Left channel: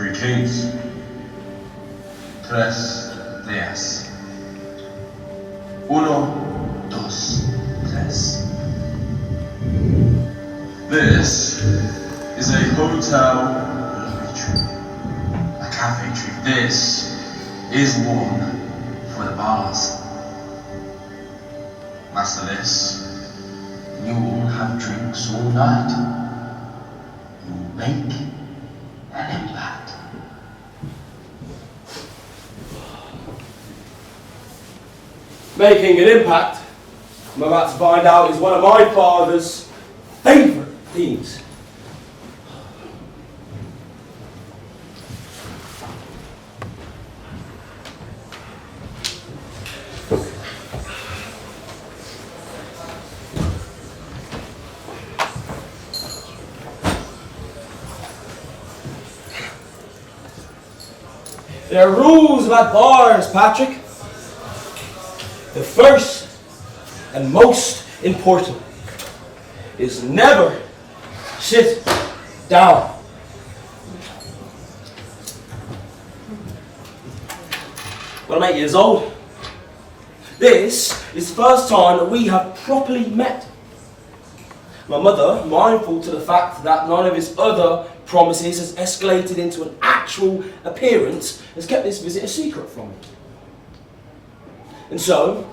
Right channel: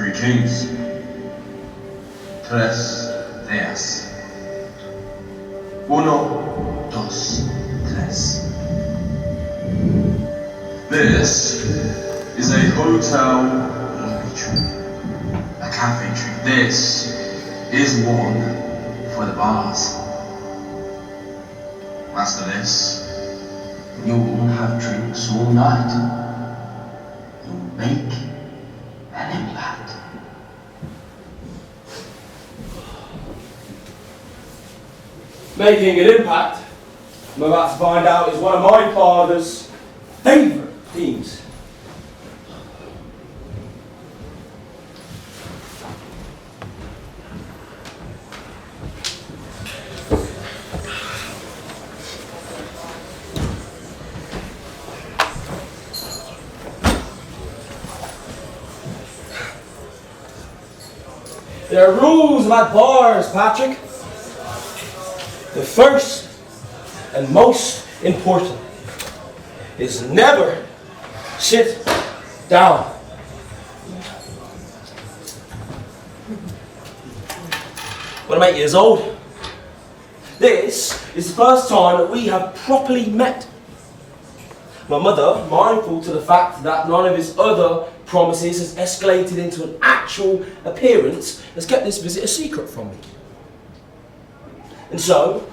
Three kings. Tres días. Uno, dos, tres. This is a hotel lobby trick. A cafe trick. This is one for the bars. Master this. You'll have drinks all night. You'll make an impact. Making an impact, I'm about to find out, is one of my father's favourite themes. There are rules about bars, Patrick. The first and most important is never sit down. When I'm 8 years old, this is the first time that we have properly met. My mother, mindful to the fact that none of his other promises has escalated into an actual appearance, has kept this visit a secret from me. And so,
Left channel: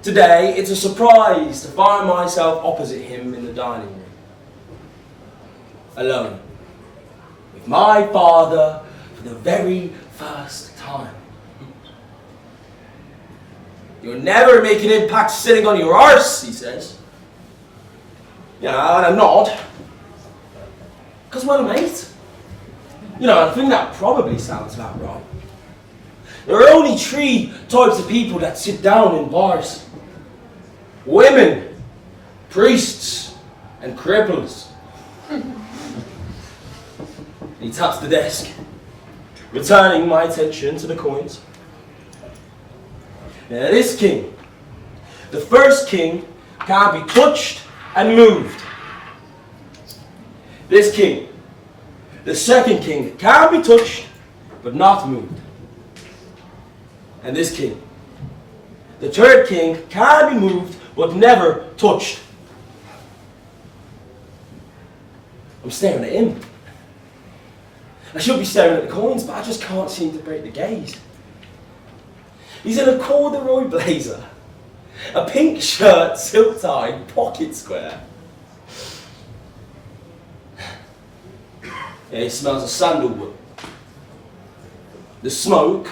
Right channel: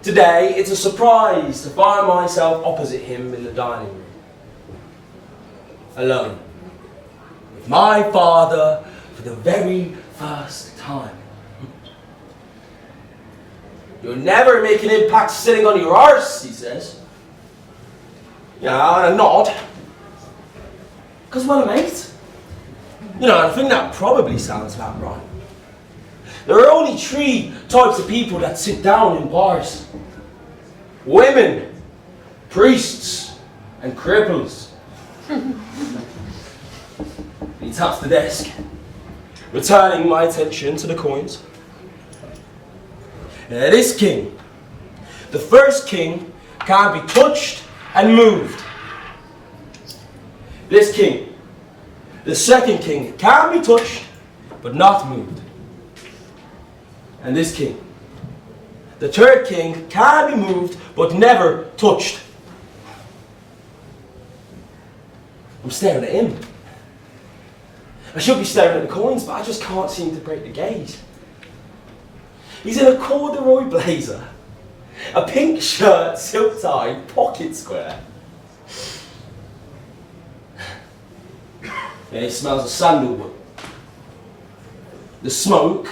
today it's a surprise to find myself opposite him in the dining room. Alone. With my father for the very first time. You'll never make an impact sitting on your arse, he says. Yeah, and I'm not. Because, well, mate, I think that probably sounds about right. There are only 3 types of people that sit down in bars. Women, priests, and cripples. He taps the desk, returning my attention to the coins. This king, the first king, can't be touched and moved. This king, the second king, can be touched but not moved. And this king, the third king, can be moved but never touched. I'm staring at him. I should be staring at the coins, but I just can't seem to break the gaze. He's in a corduroy blazer, a pink shirt, silk tie, pocket square. He smells of sandalwood. The smoke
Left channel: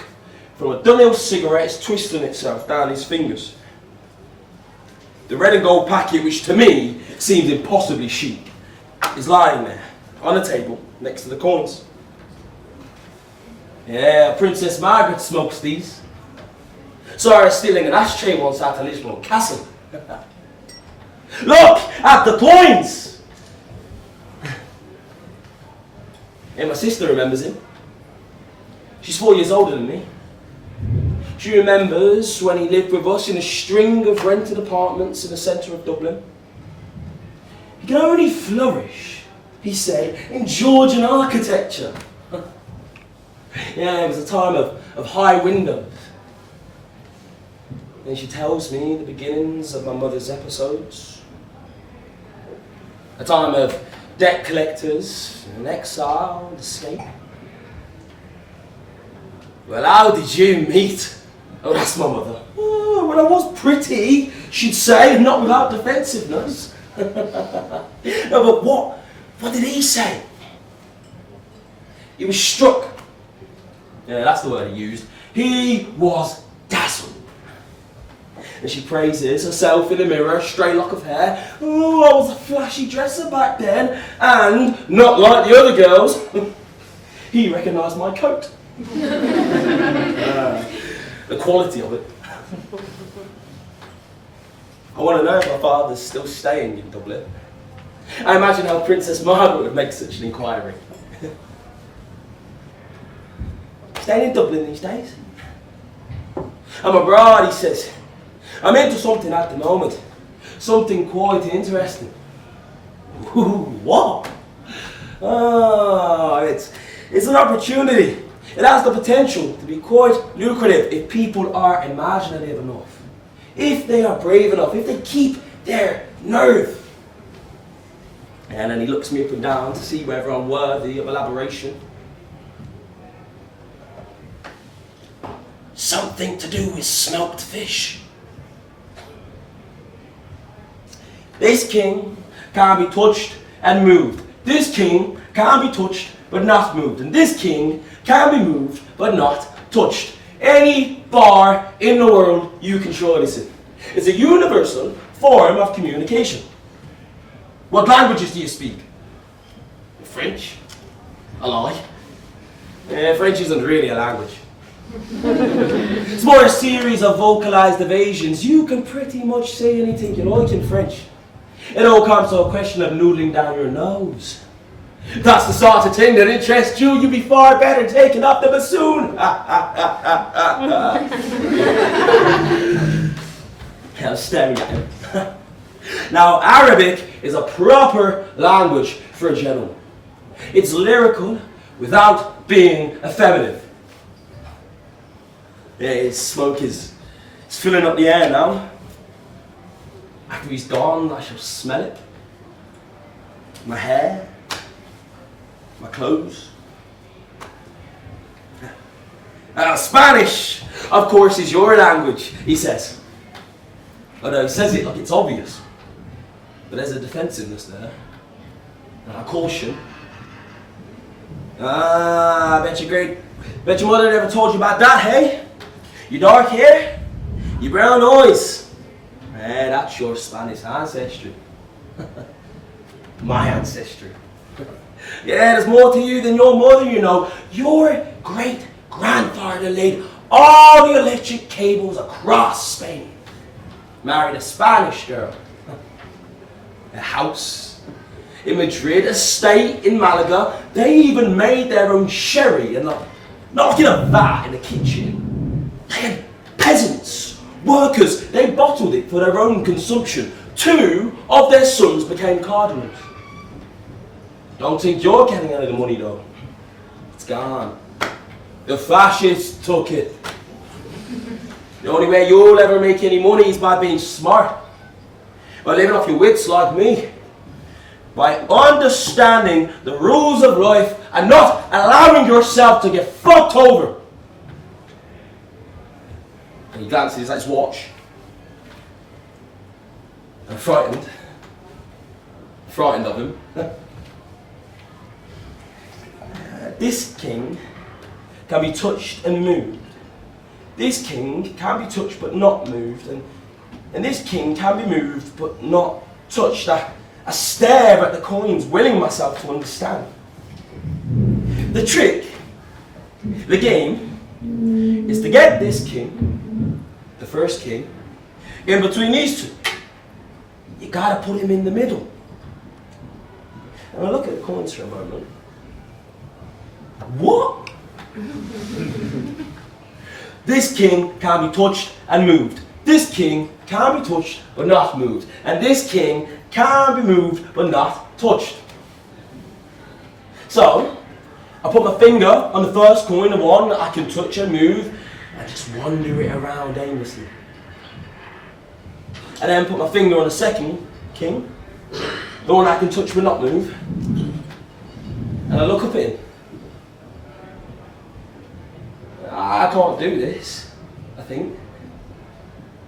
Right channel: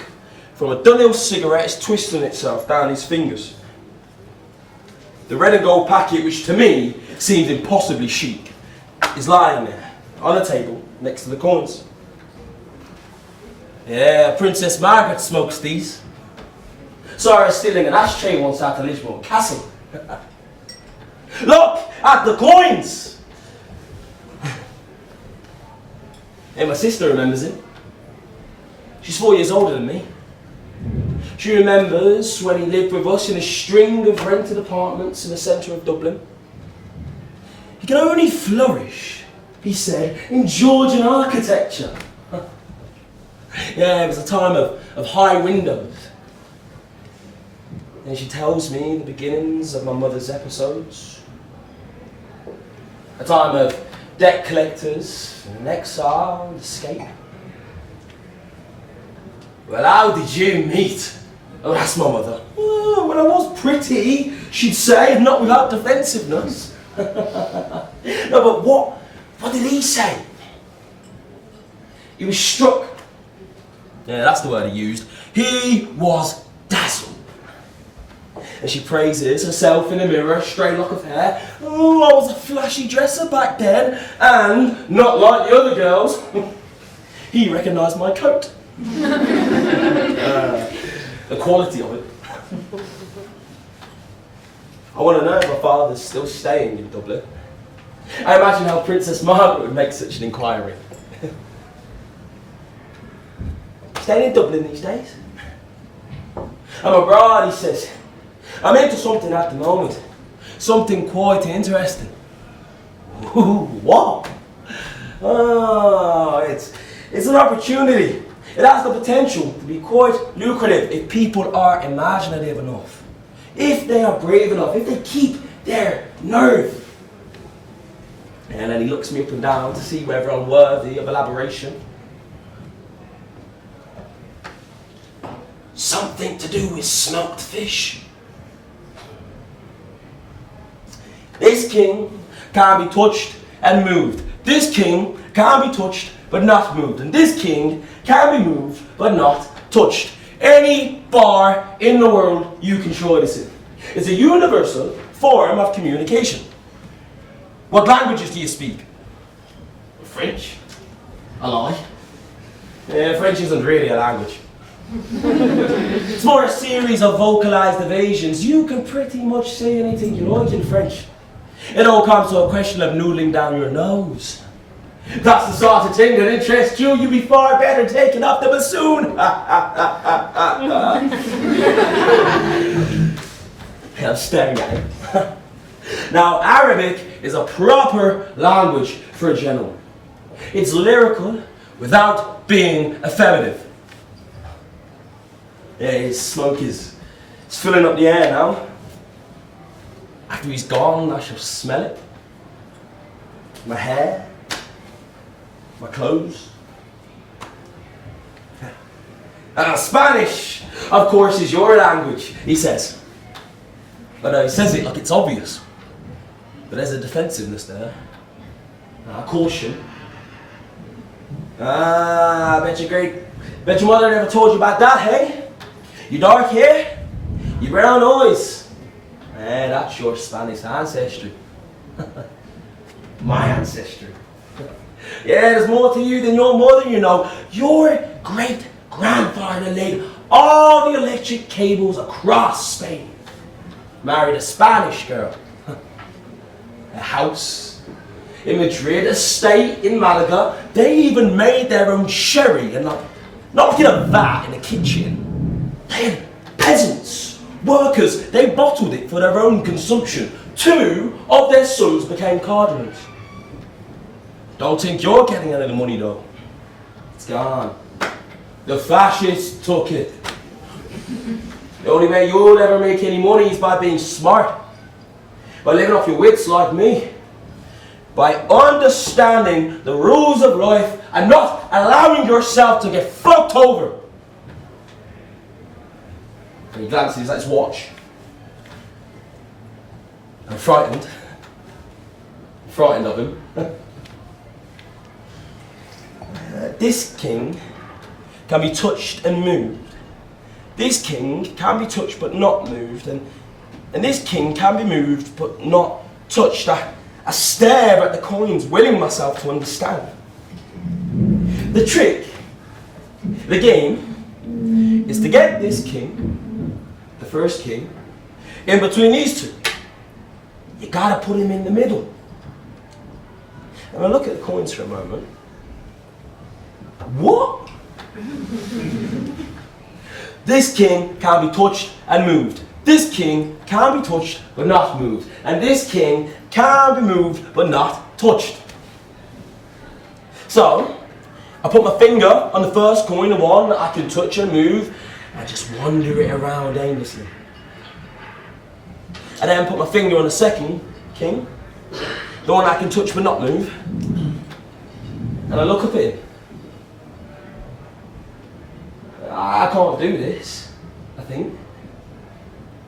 from a Dunhill cigarette is twisting itself down his fingers. The red and gold packet, which to me seems impossibly chic, is lying there on a table next to the coins. Yeah, Princess Margaret smokes these. Saw her stealing an ashtray once out of Lismore Castle. Look at the coins! And my sister remembers him. She's 4 years older than me. She remembers when he lived with us in a string of rented apartments in the centre of Dublin. He can only flourish, he said, in Georgian architecture. Yeah, it was a time of high windows. And she tells me the beginnings of my mother's episodes. A time of debt collectors, and exile, and escape. Well, how did you meet? Oh, that's my mother. Oh, well, I was pretty, she'd say, and not without defensiveness. No, but what did he say? He was struck. Yeah, that's the word he used. He was dazzled. And she praises herself in the mirror, a stray lock of hair. Oh, I was a flashy dresser back then, and not like the other girls. He recognised my coat. The quality of it. I want to know if my father's still staying in Dublin. I imagine how Princess Margaret would make such an inquiry. Staying in Dublin these days? And my brother, he says, I'm into something at the moment. Something quite interesting. What? Oh, It's an opportunity. It has the potential to be quite lucrative if people are imaginative enough. If they are brave enough, if they keep their nerve. And then he looks me up and down to see whether I'm worthy of elaboration. Something to do with smoked fish. This king can't be touched and moved. This king can't be touched but not moved. And this king can be moved but not touched. Any bar in the world you can show this in. It's a universal form of communication. What languages do you speak? French. A lie. French isn't really a language. It's more a series of vocalized evasions. You can pretty much say anything you like in French. It all comes to a question of noodling down your nose. If that's the sort of thing that interests you, you'd be far better taken off the bassoon. I'm staring at him. Now, Arabic is a proper language for a gentleman. It's lyrical without being effeminate. Yeah, his smoke is filling up the air now. After he's gone, I shall smell it. My hair, my clothes. Spanish, of course, is your language, he says. But he says it like it's obvious. But there's a defensiveness there. Caution. Bet your mother never told you about that, hey? Your dark hair, your brown eyes. That's your Spanish ancestry. My ancestry. Yeah, there's more to you than your mother, you know. Your great-grandfather laid all the electric cables across Spain. Married a Spanish girl. A house in Madrid, a estate in Malaga. They even made their own sherry and not in a vat in the kitchen. They had peasants, workers. They bottled it for their own consumption. 2 of their sons became cardinals. Don't think you're getting any of the money though. It's gone. The fascists took it. The only way you'll ever make any money is by being smart. By living off your wits like me. By understanding the rules of life and not allowing yourself to get fucked over. And he glances at his watch. I'm frightened. Frightened of him. This king can be touched and moved. This king can be touched but not moved. And this king can be moved but not touched. I stare at the coins, willing myself to understand. The trick, the game, is to get this king, the first king, in between these two. You gotta put him in the middle. And I look at the coins for a moment. What? This king can be touched and moved. This king can be touched but not moved. And this king can be moved but not touched. So, I put my finger on the first coin, the one I can touch and move, and I just wander it around aimlessly. And then put my finger on the second king, the one I can touch but not move, and I look up at it. I can't do this, I think.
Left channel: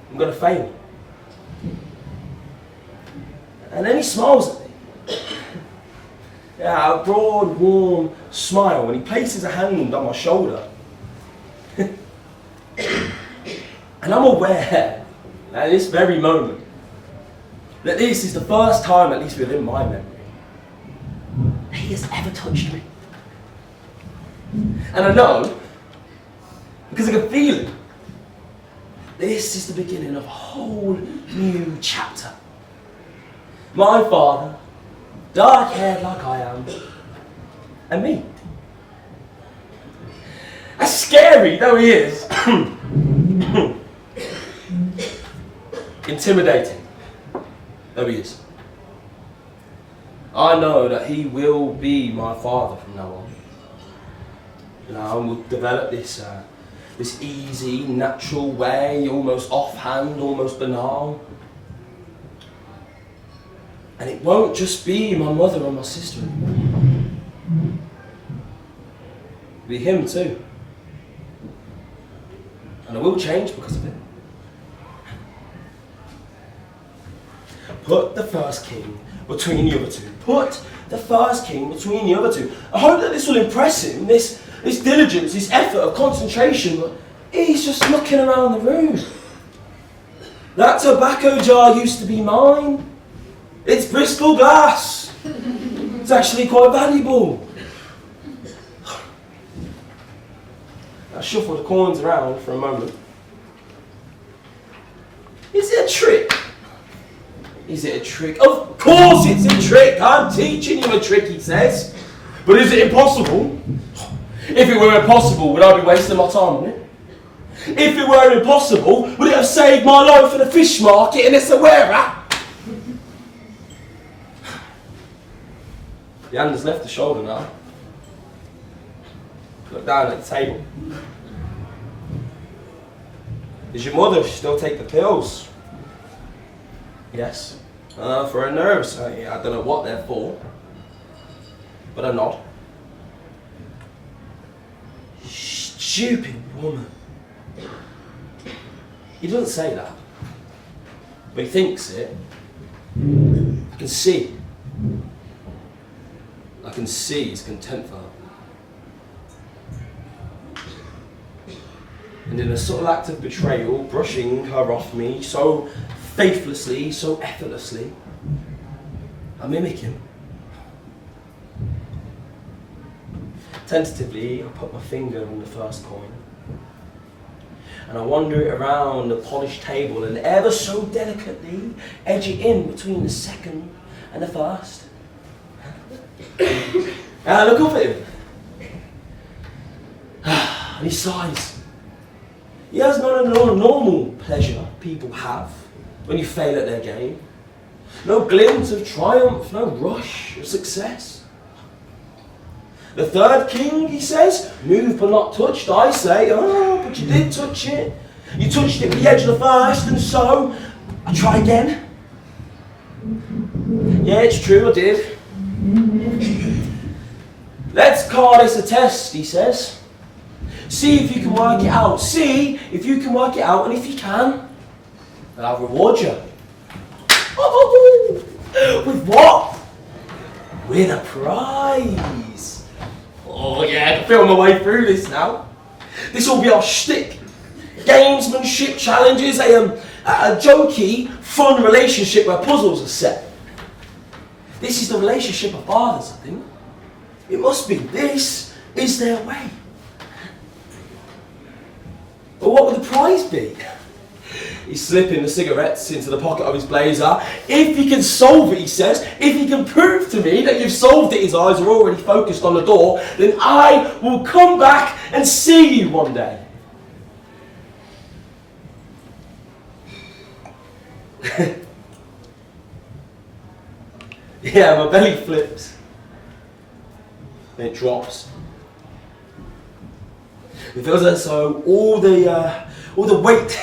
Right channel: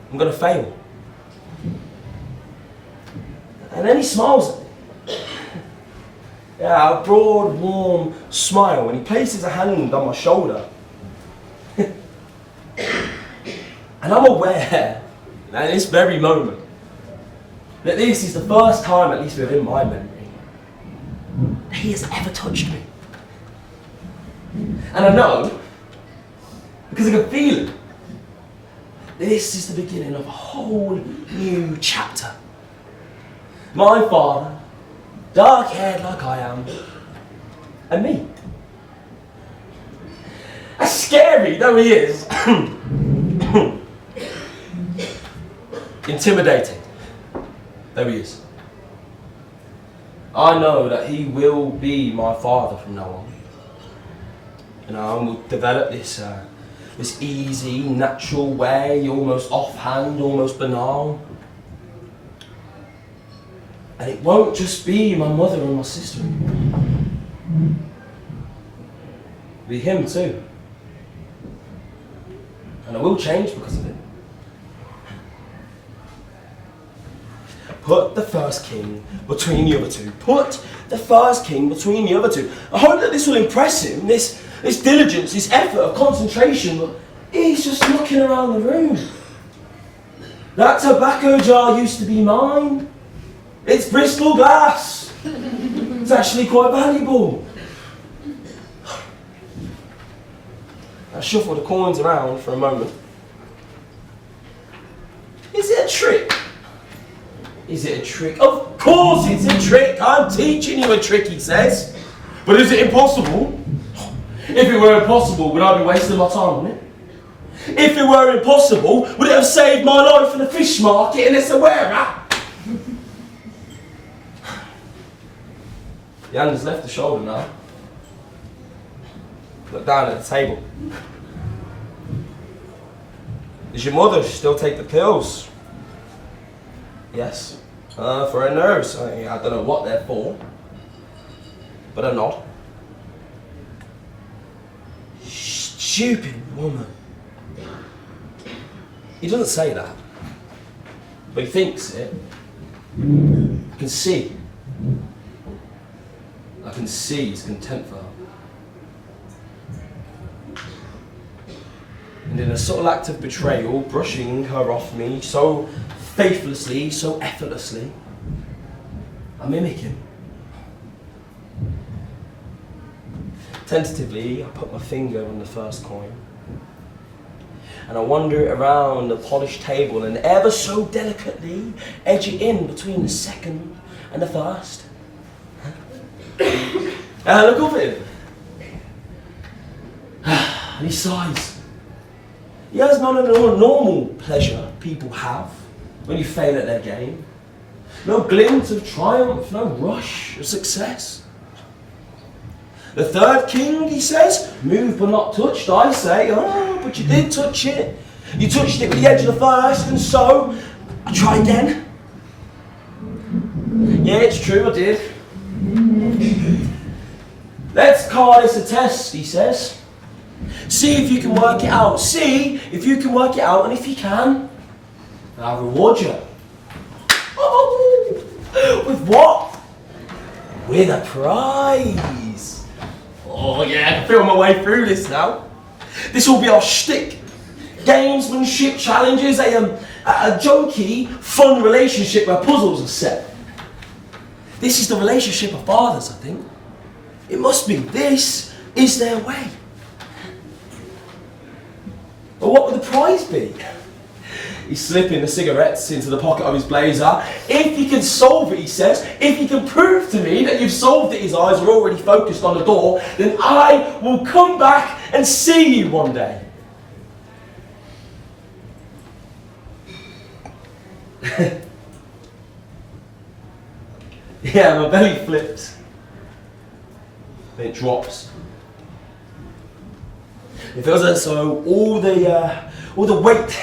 I'm going to fail. And then he smiles at me. Yeah, a broad, warm smile, and he places a hand on my shoulder. And I'm aware, at this very moment, that this is the first time, at least within my memory, that he has ever touched me. And I know, because I can feel it, this is the beginning of a whole new chapter. My father, dark-haired like I am, and me. As scary though he is, intimidating though he is, I know that he will be my father from now on. You know, and we'll develop this this easy, natural way, almost offhand, almost banal. And it won't just be my mother and my sister. It'll be him too. And I will change because of it. Put the first king between the other two. Put the first king between the other two. I hope that this will impress him, this diligence, this effort, concentration, but he's just looking around the room. That tobacco jar used to be mine. It's Bristol glass. It's actually quite valuable. I shuffle the coins around for a moment. Is it a trick? Is it a trick? Of course it's a trick. I'm teaching you a trick, he says. But is it impossible? If it were impossible, would I be wasting my time on it? If it were impossible, would it have saved my life in a fish market in Essaouira? The hand has left the shoulder now. Look down at the table. Does your mother still take the pills? Yes. For her nerves. I don't know what they're for. But I'm not. Stupid woman. He doesn't say that. But he thinks it. You can see. I can see his contempt for her. And in a subtle act of betrayal, brushing her off me so faithlessly, so effortlessly, I mimic him. Tentatively, I put my finger on the first coin. And I wander it around the polished table and ever so delicately edge it in between the second and the first. And I look up at him. And he sighs. He has none of the normal pleasure people have when you fail at their game. No glint of triumph, no rush of success. The third king, he says, moved but not touched. I say, oh, but you did touch it. You touched it with the edge of the first, and so I try again. Yeah, it's true, I did. Let's call this a test, he says. See if you can work it out. See if you can work it out, and if you can, then I'll reward you. Oh, with what? With a prize. Oh yeah, I can feel my way through this now. This will be our shtick. Gamesmanship challenges, a jokey, fun relationship where puzzles are set. This is the relationship of fathers, I think. It must be. This is their way. But what would the prize be? He's slipping the cigarettes into the pocket of his blazer. If you can solve it, he says, if you can prove to me that you've solved it, his eyes are already focused on the door, then I will come back and see you one day. Yeah, my belly flips. Then it drops. It feels as though all the weight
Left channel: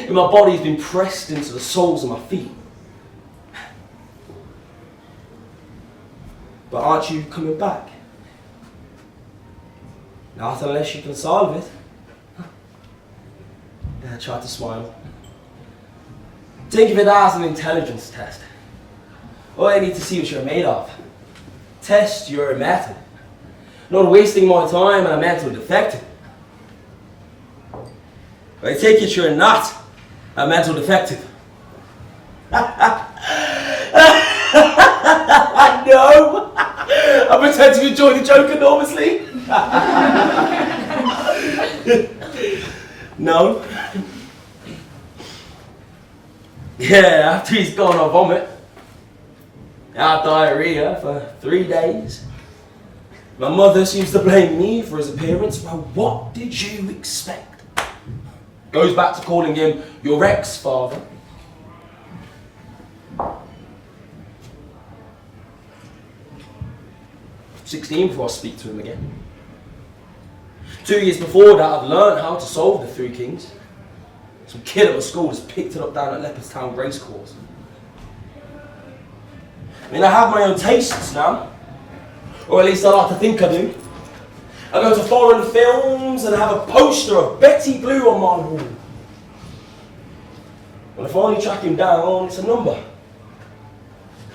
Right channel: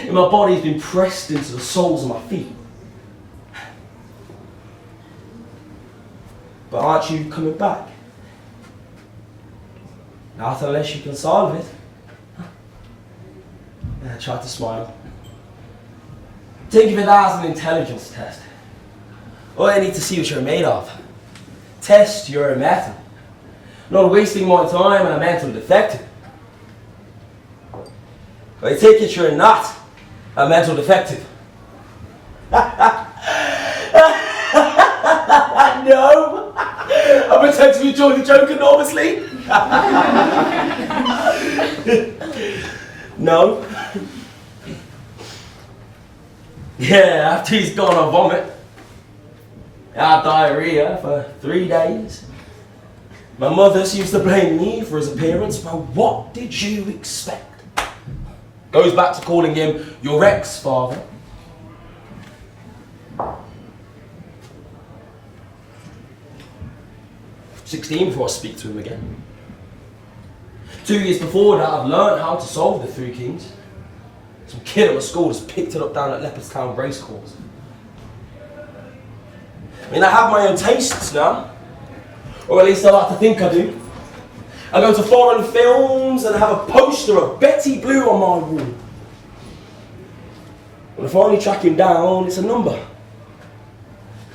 in my body has been pressed into the soles of my feet. But aren't you coming back? Not unless you can solve it. I tried to smile. Think of it as an intelligence test. All I need to see what you're made of. Test your metal. Not wasting my time on a mental defective. I take it you're not a mental defective. No! I pretend to enjoy the joke enormously. No. Yeah, after he's gone, I vomit. I had diarrhea for 3 days. My mother used to blame me for his appearance. Well, what did you expect? Goes back to calling him your ex-father. I'm 16 before I speak to him again. 2 years before that, I've learned how to solve the Three Kings. Some kid at my school just picked it up down at Leopardstown Racecourse. I mean, I have my own tastes now. Or at least I like to think I do. I go to foreign films and I have a poster of Betty Blue on my wall. When I finally track him down, it's a number.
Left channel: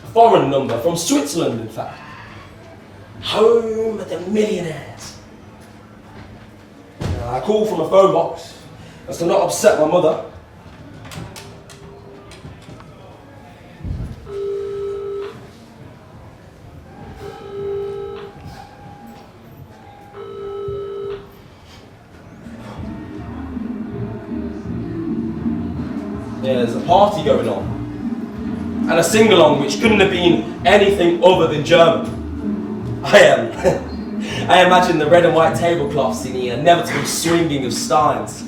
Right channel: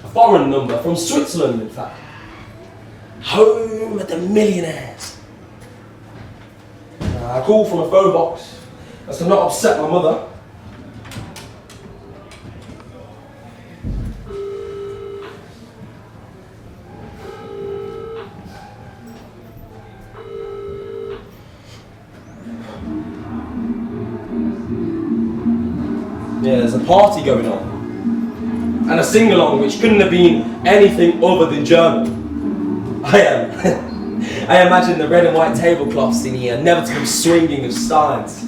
A foreign number, from Switzerland in fact. Home of the millionaires. I call from a phone box as to not upset my mother. Yeah, there's a party going on. And a sing-along which couldn't have been anything other than German. I imagine the red and white tablecloths in the inevitable swinging of steins.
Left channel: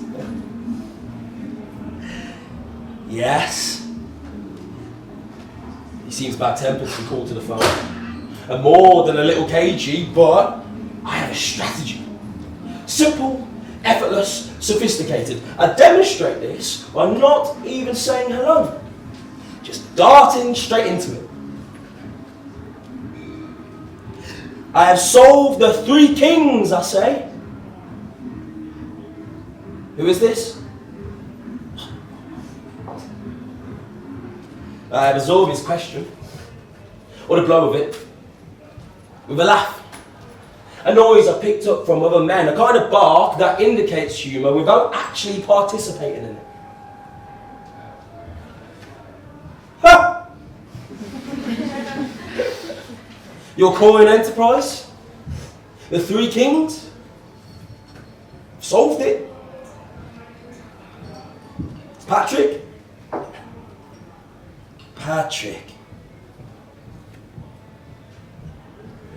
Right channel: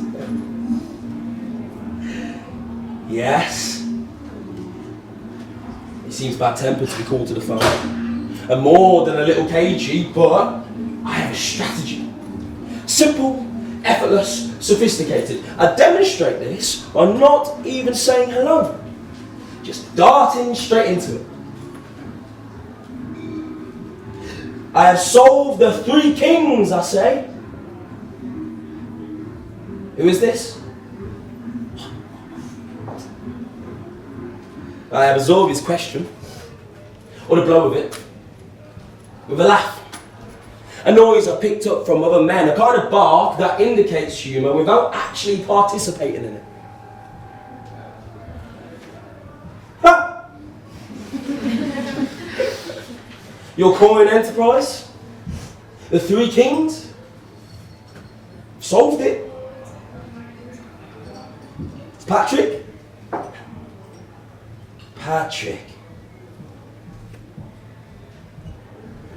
Yes. He seems bad-tempered to be called to the phone. And more than a little cagey, but I have a strategy. Simple, effortless, sophisticated. I demonstrate this by not even saying hello. Just darting straight into it. I have solved the Three Kings, I say. Who is this? I absorb his question, or the blow of it, with a laugh. A noise I picked up from other men, a kind of bark that indicates humour without actually participating in it. Ha! Your coin enterprise? The Three Kings? Solved it? Patrick? Patrick.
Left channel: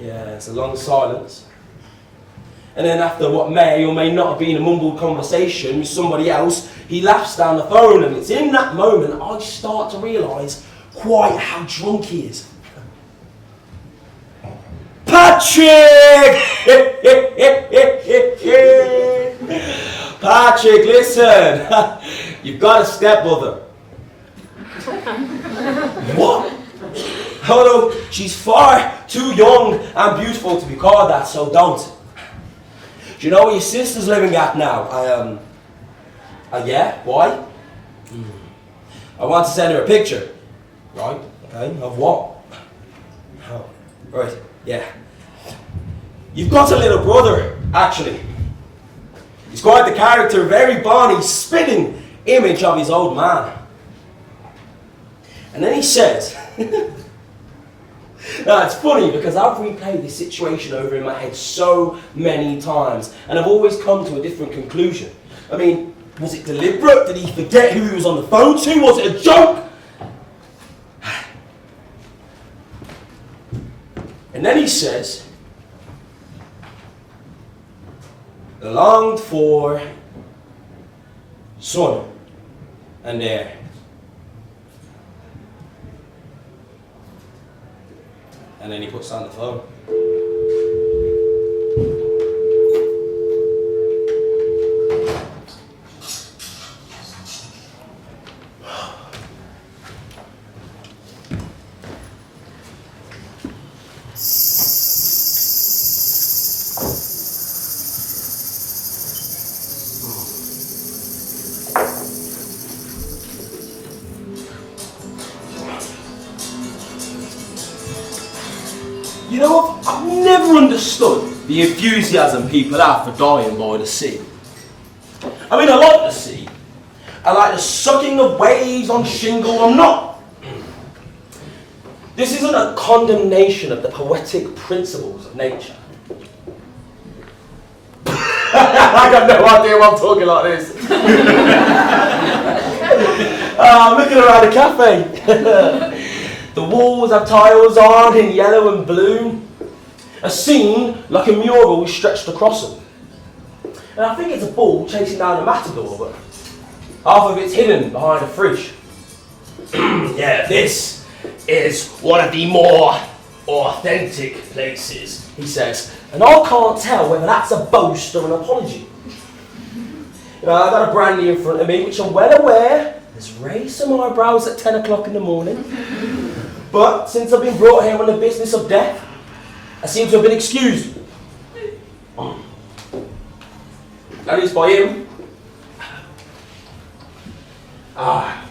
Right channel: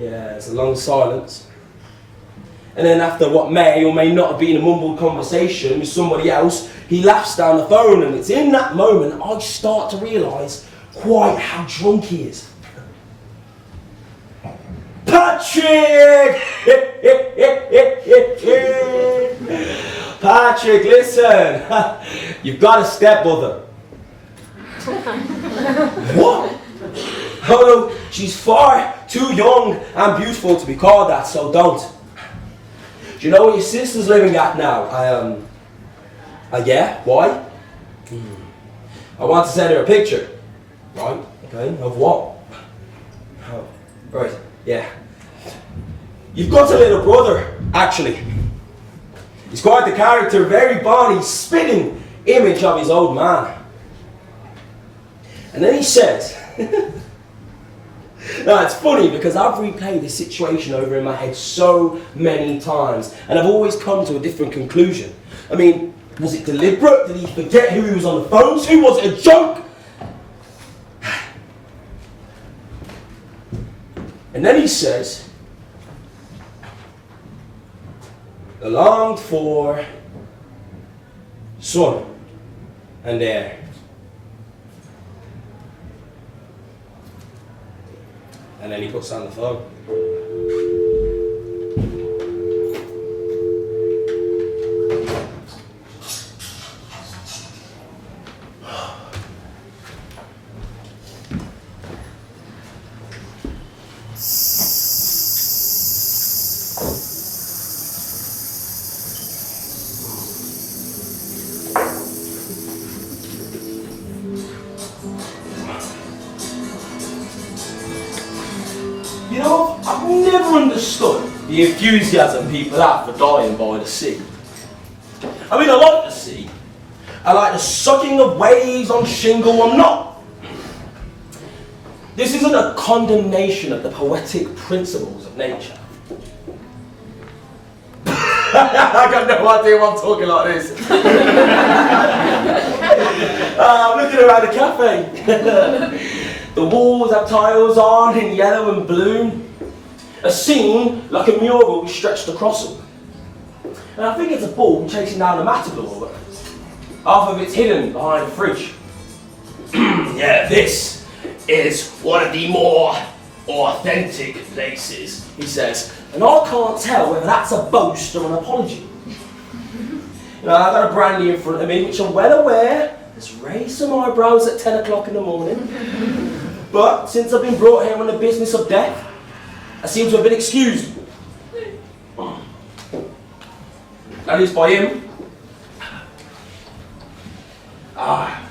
Yeah, it's a long silence. And then after what may or may not have been a mumbled conversation with somebody else, he laughs down the phone, and it's in that moment I start to realise quite how drunk he is. Patrick! Patrick, listen! You've got a stepmother. What? Oh no, she's far too young and beautiful to be called that, so don't. Do you know where your sister's living at now? Yeah, why? I want to send her a picture. Right, okay, of what? Oh, right, yeah. You've got a little brother, actually. He's quite the character, very body, spitting image of his old man. And then he says, now it's funny because I've replayed this situation over in my head so many times, and I've always come to a different conclusion. I mean, was it deliberate? Did he forget who he was on the phone to? Was it a joke? And then he says, the longed for son and heir. And then he puts on the phone. You know, I've never understood the enthusiasm people have for dying by the sea. I mean, I like the sea. I like the sucking of waves on shingle. I'm not. This isn't a condemnation of the poetic principles of nature. I got no idea why I'm talking like this. I'm looking around a cafe. The walls have tiles on in yellow and blue. A scene like a mural stretched across them. And I think it's a bull chasing down a matador, but half of it's hidden behind a fridge. Yeah, this is one of the more authentic places, he says, And I can't tell whether that's a boast or an apology. You know, I've got a brandy in front of me, which I'm well aware has raised some eyebrows at 10 o'clock in the morning. But since I've been brought here on the business of death, I seem to have been excused. That is by him.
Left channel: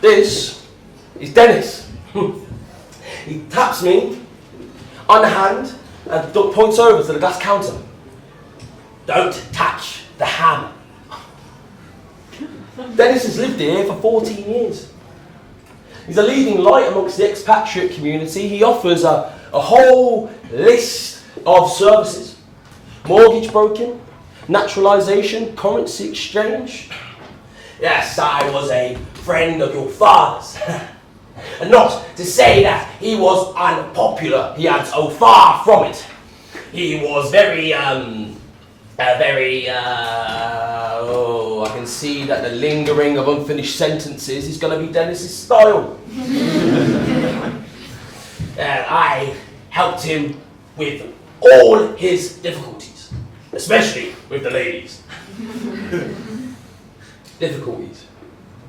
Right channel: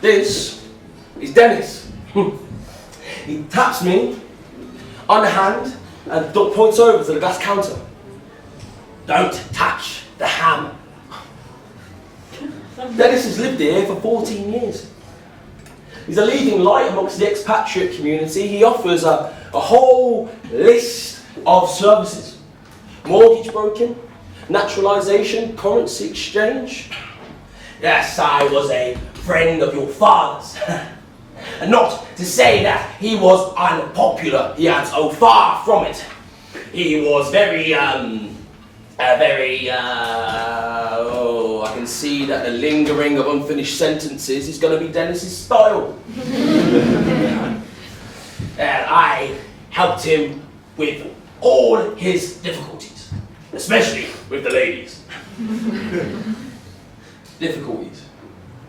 This is Dennis. He taps me on the hand and points over to the glass counter. Don't touch the ham. Dennis has lived here for 14 years. He's a leading light amongst the expatriate community. He offers a whole list of services. Mortgage broking, naturalisation, currency exchange. Yes, I was a friend of your father's. And not to say that he was unpopular. He had so far from it. He was very, I can see that the lingering of unfinished sentences is going to be Dennis's style. And I helped him with all his difficulties, especially with the ladies. Difficulties?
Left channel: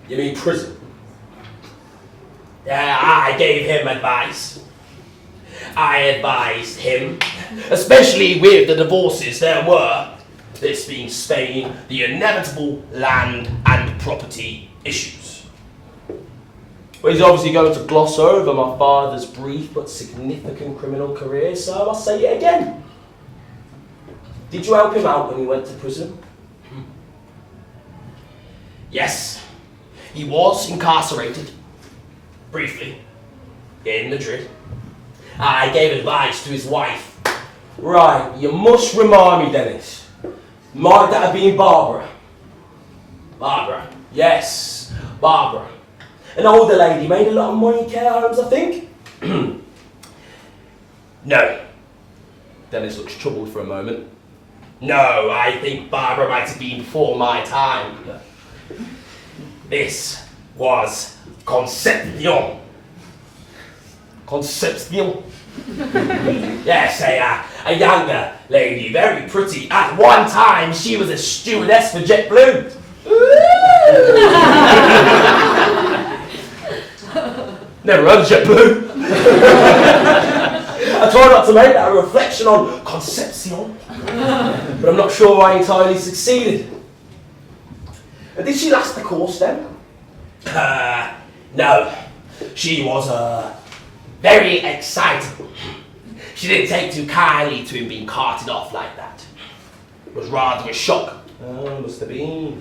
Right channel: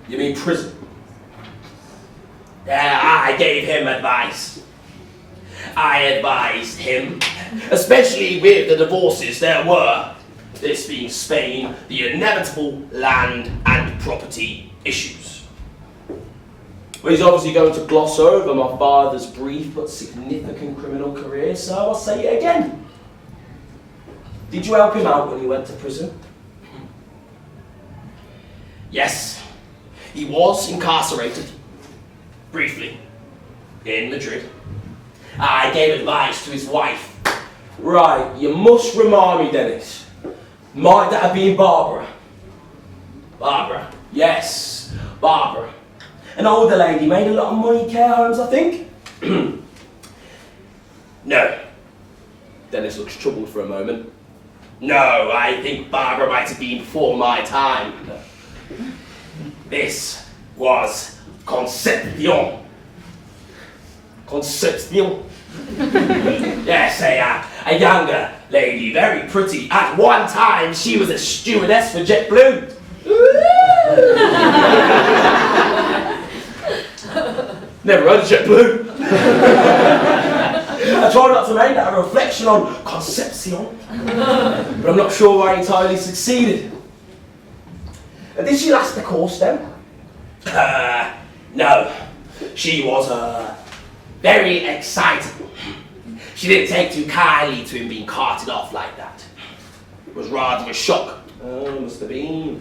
You mean prison? I gave him advice. I advised him, especially with the divorces there were, this being Spain, the inevitable land and property issues. Well, he's obviously going to gloss over my father's brief but significant criminal career, so I'll say it again. Did you help him out when he went to prison? Yes, he was incarcerated, briefly, in Madrid. I gave advice to his wife. Right, you must remind me, Dennis. Might that have been Barbara? Barbara? Yes, Barbara. An older lady, made a lot of money in care homes, I think. No. Dennis looks troubled for a moment. No, I think Barbara might have been before my time. This was Concepcion. Concepcion? Yes, a younger lady, very pretty. At one time, she was a stewardess for JetBlue. Never heard of JetBlue. I try not to make that a reflection on Concepcion, but I'm not sure I entirely succeeded. Did she last the course then? No. She was very excited. She didn't take too kindly to him being carted off like that. It was rather a shock. Must have been.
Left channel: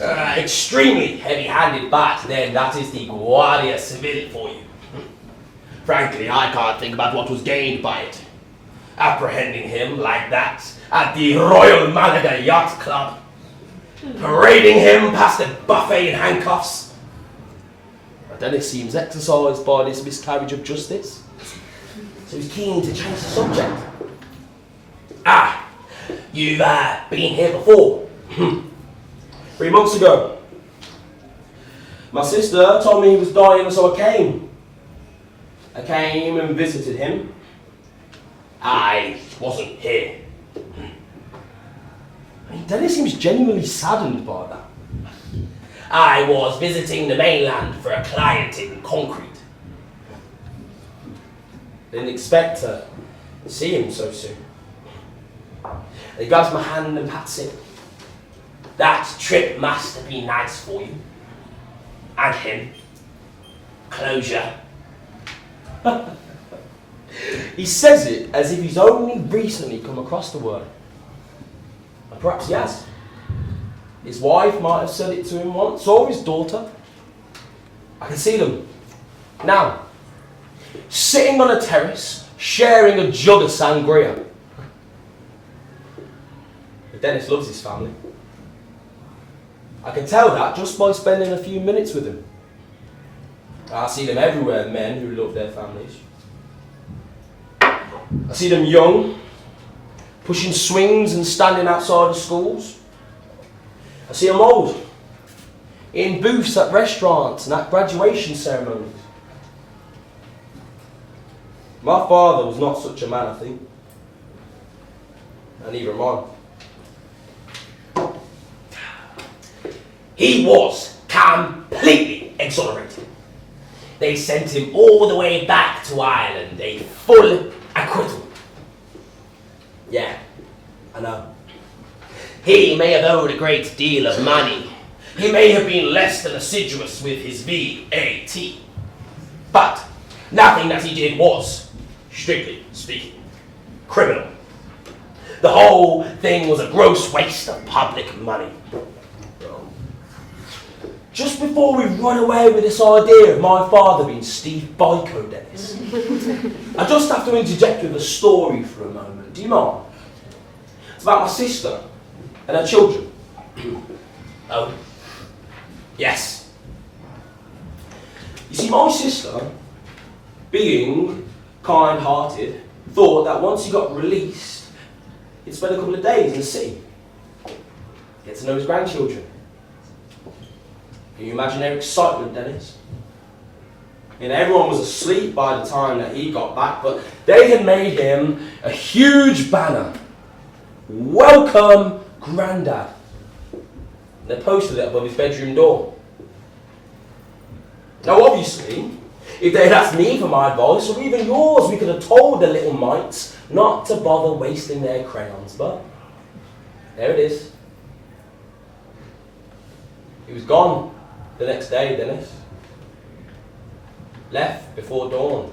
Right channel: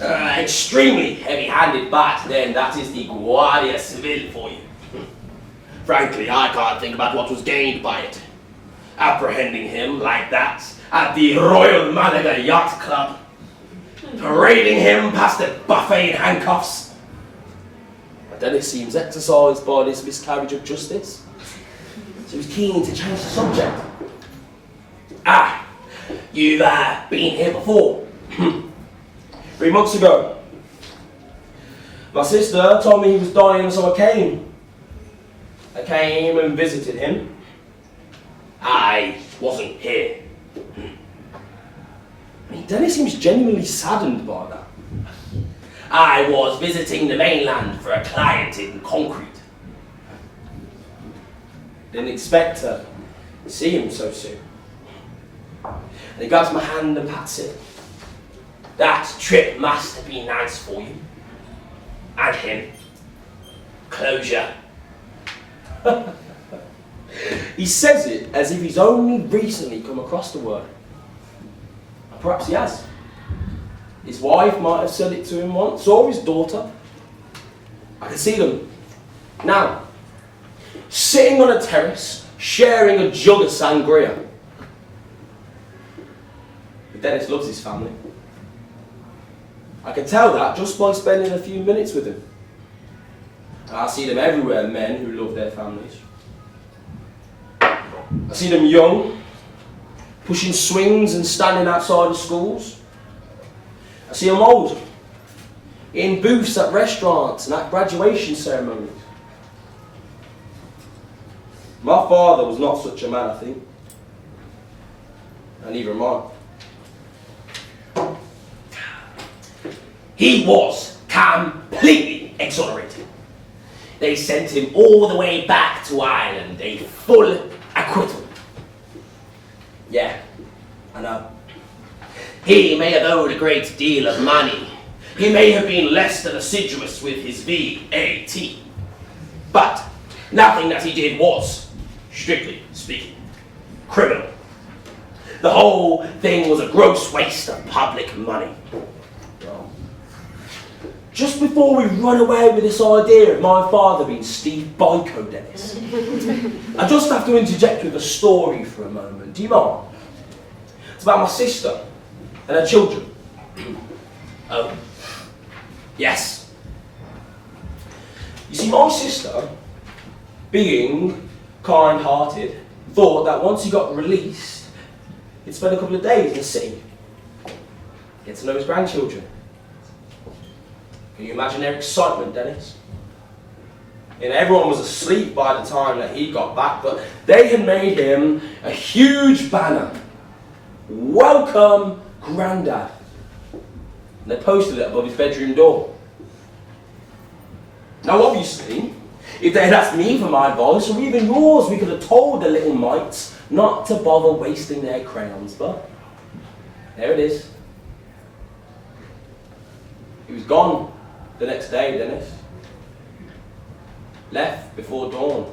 Extremely heavy-handed, but then that is the Guardia Civil for you. Frankly, I can't think about what was gained by it. Apprehending him like that at the Royal Malaga Yacht Club. Parading him past the buffet in handcuffs. But then it seems exercised by this miscarriage of justice. So he's keen to change the subject. You've been here before. 3 months ago. My sister told me he was dying, so I came. I came and visited him. I wasn't here. I mean, Dennis seems genuinely saddened by that. I was visiting the mainland for a client in concrete. Didn't expect to see him so soon. And he grabs my hand and pats it. That trip must have been nice for you. And him. Closure. He says it as if he's only recently come across the word. And perhaps he has. His wife might have said it to him once, or his daughter. I can see them now, sitting on a terrace, sharing a jug of sangria. But Dennis loves his family. I can tell that just by spending a few minutes with him. I see them everywhere, men who love their families. I see them young, pushing swings and standing outside of schools. I see them old, in booths at restaurants and at graduation ceremonies. My father was not such a man, I think. and neither am I. He was completely exonerated. They sent him all the way back to Ireland, a full acquittal. Yeah, I know. He may have owed a great deal of money. He may have been less than assiduous with his VAT. But nothing that he did was, strictly speaking, criminal. The whole thing was a gross waste of public money. Just before we run away with this idea of my father being Steve Biko, Dennis, I just have to interject with a story for a moment. Do you mind? It's about my sister and her children. Oh, yes. You see, my sister, being kind-hearted, thought that once he got released, he'd spend a couple of days in the city, get to know his grandchildren. Can you imagine their excitement, Dennis? You know, everyone was asleep by the time that he got back, but they had made him a huge banner. Welcome, Grandad. And they posted it above his bedroom door. Now, obviously, if they had asked me for my advice, or even yours, we could have told the little mites not to bother wasting their crayons, but there it is. He was gone the next day, Dennis. Left before dawn.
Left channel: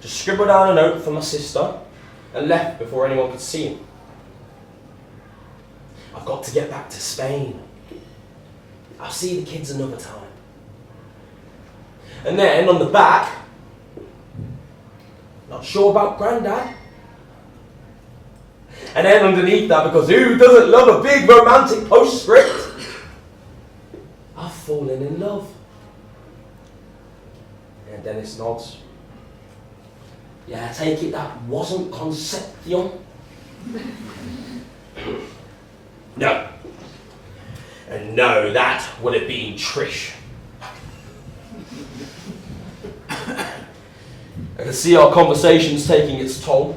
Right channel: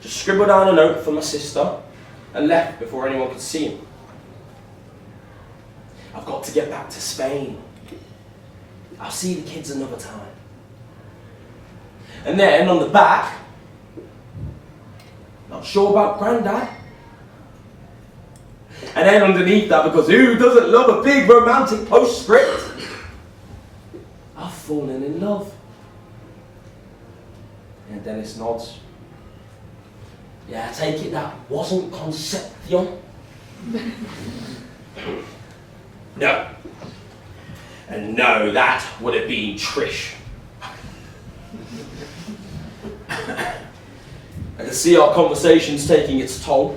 Just scribbled down a note for my sister and left before anyone could see him. I've got to get back to Spain. I'll see the kids another time. And then on the back, not sure about Grandad. And then underneath that, because who doesn't love a big romantic postscript? I've fallen in love. And Dennis nods. Yeah, I take it that wasn't Concepcion? No. And no, that would have been Trish. I can see our conversation's taking its toll.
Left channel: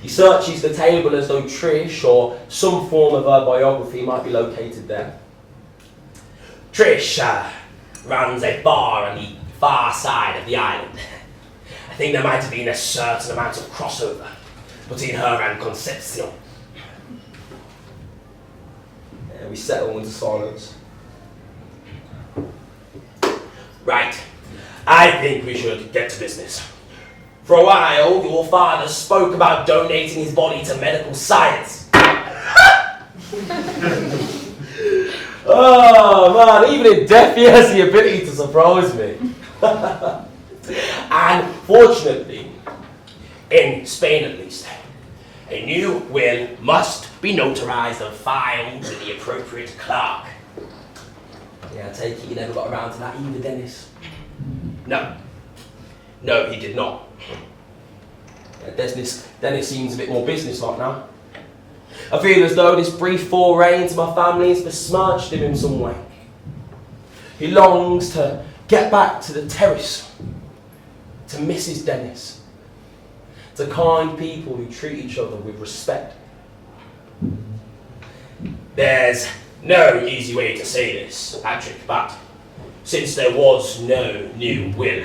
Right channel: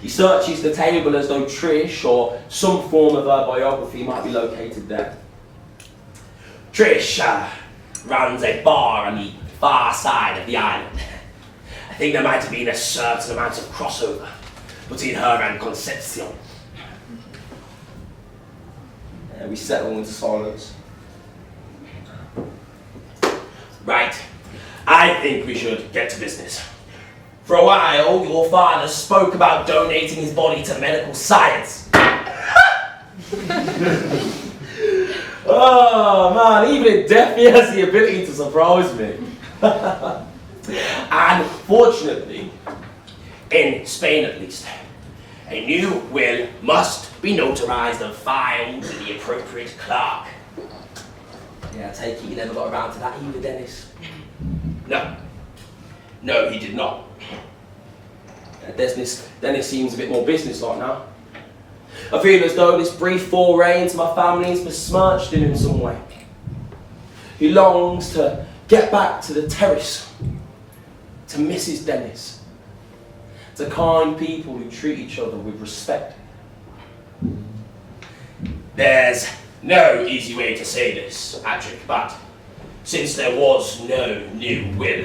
He searches the table as though Trish or some form of her biography might be located there. Trish runs a bar on the far side of the island. I think there might have been a certain amount of crossover between her and Concepcion. We settle into silence. Right, I think we should get to business. For a while, your father spoke about donating his body to medical science. Oh man, even in death he has the ability to surprise me. And fortunately, in Spain at least, a new will must be notarized and filed with the appropriate clerk. Yeah, I take it you never got around to that either, Dennis? No. No, he did not. Dennis seems a bit more businesslike now. I feel as though this brief foray into my family has besmirched him in some way. He longs to get back to the terrace, to Mrs. Dennis, to kind people who treat each other with respect. There's no easy way to say this, Patrick, but since there was no new will,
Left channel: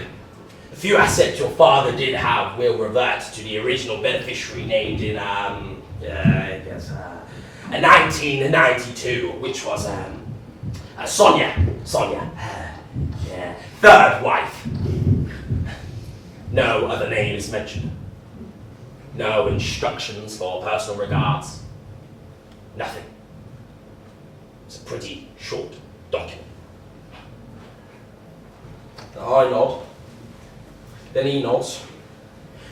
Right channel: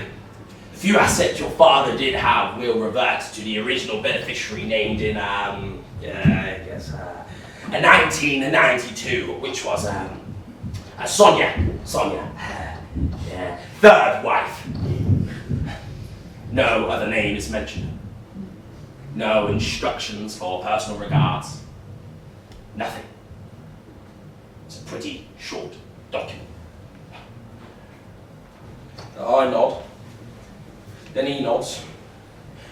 the few assets your father did have will revert to the original beneficiary named in, 1992, which was Sonia, third wife. No other name is mentioned. No instructions for personal regards. Nothing. It's a pretty short document. I nod. Then he nods.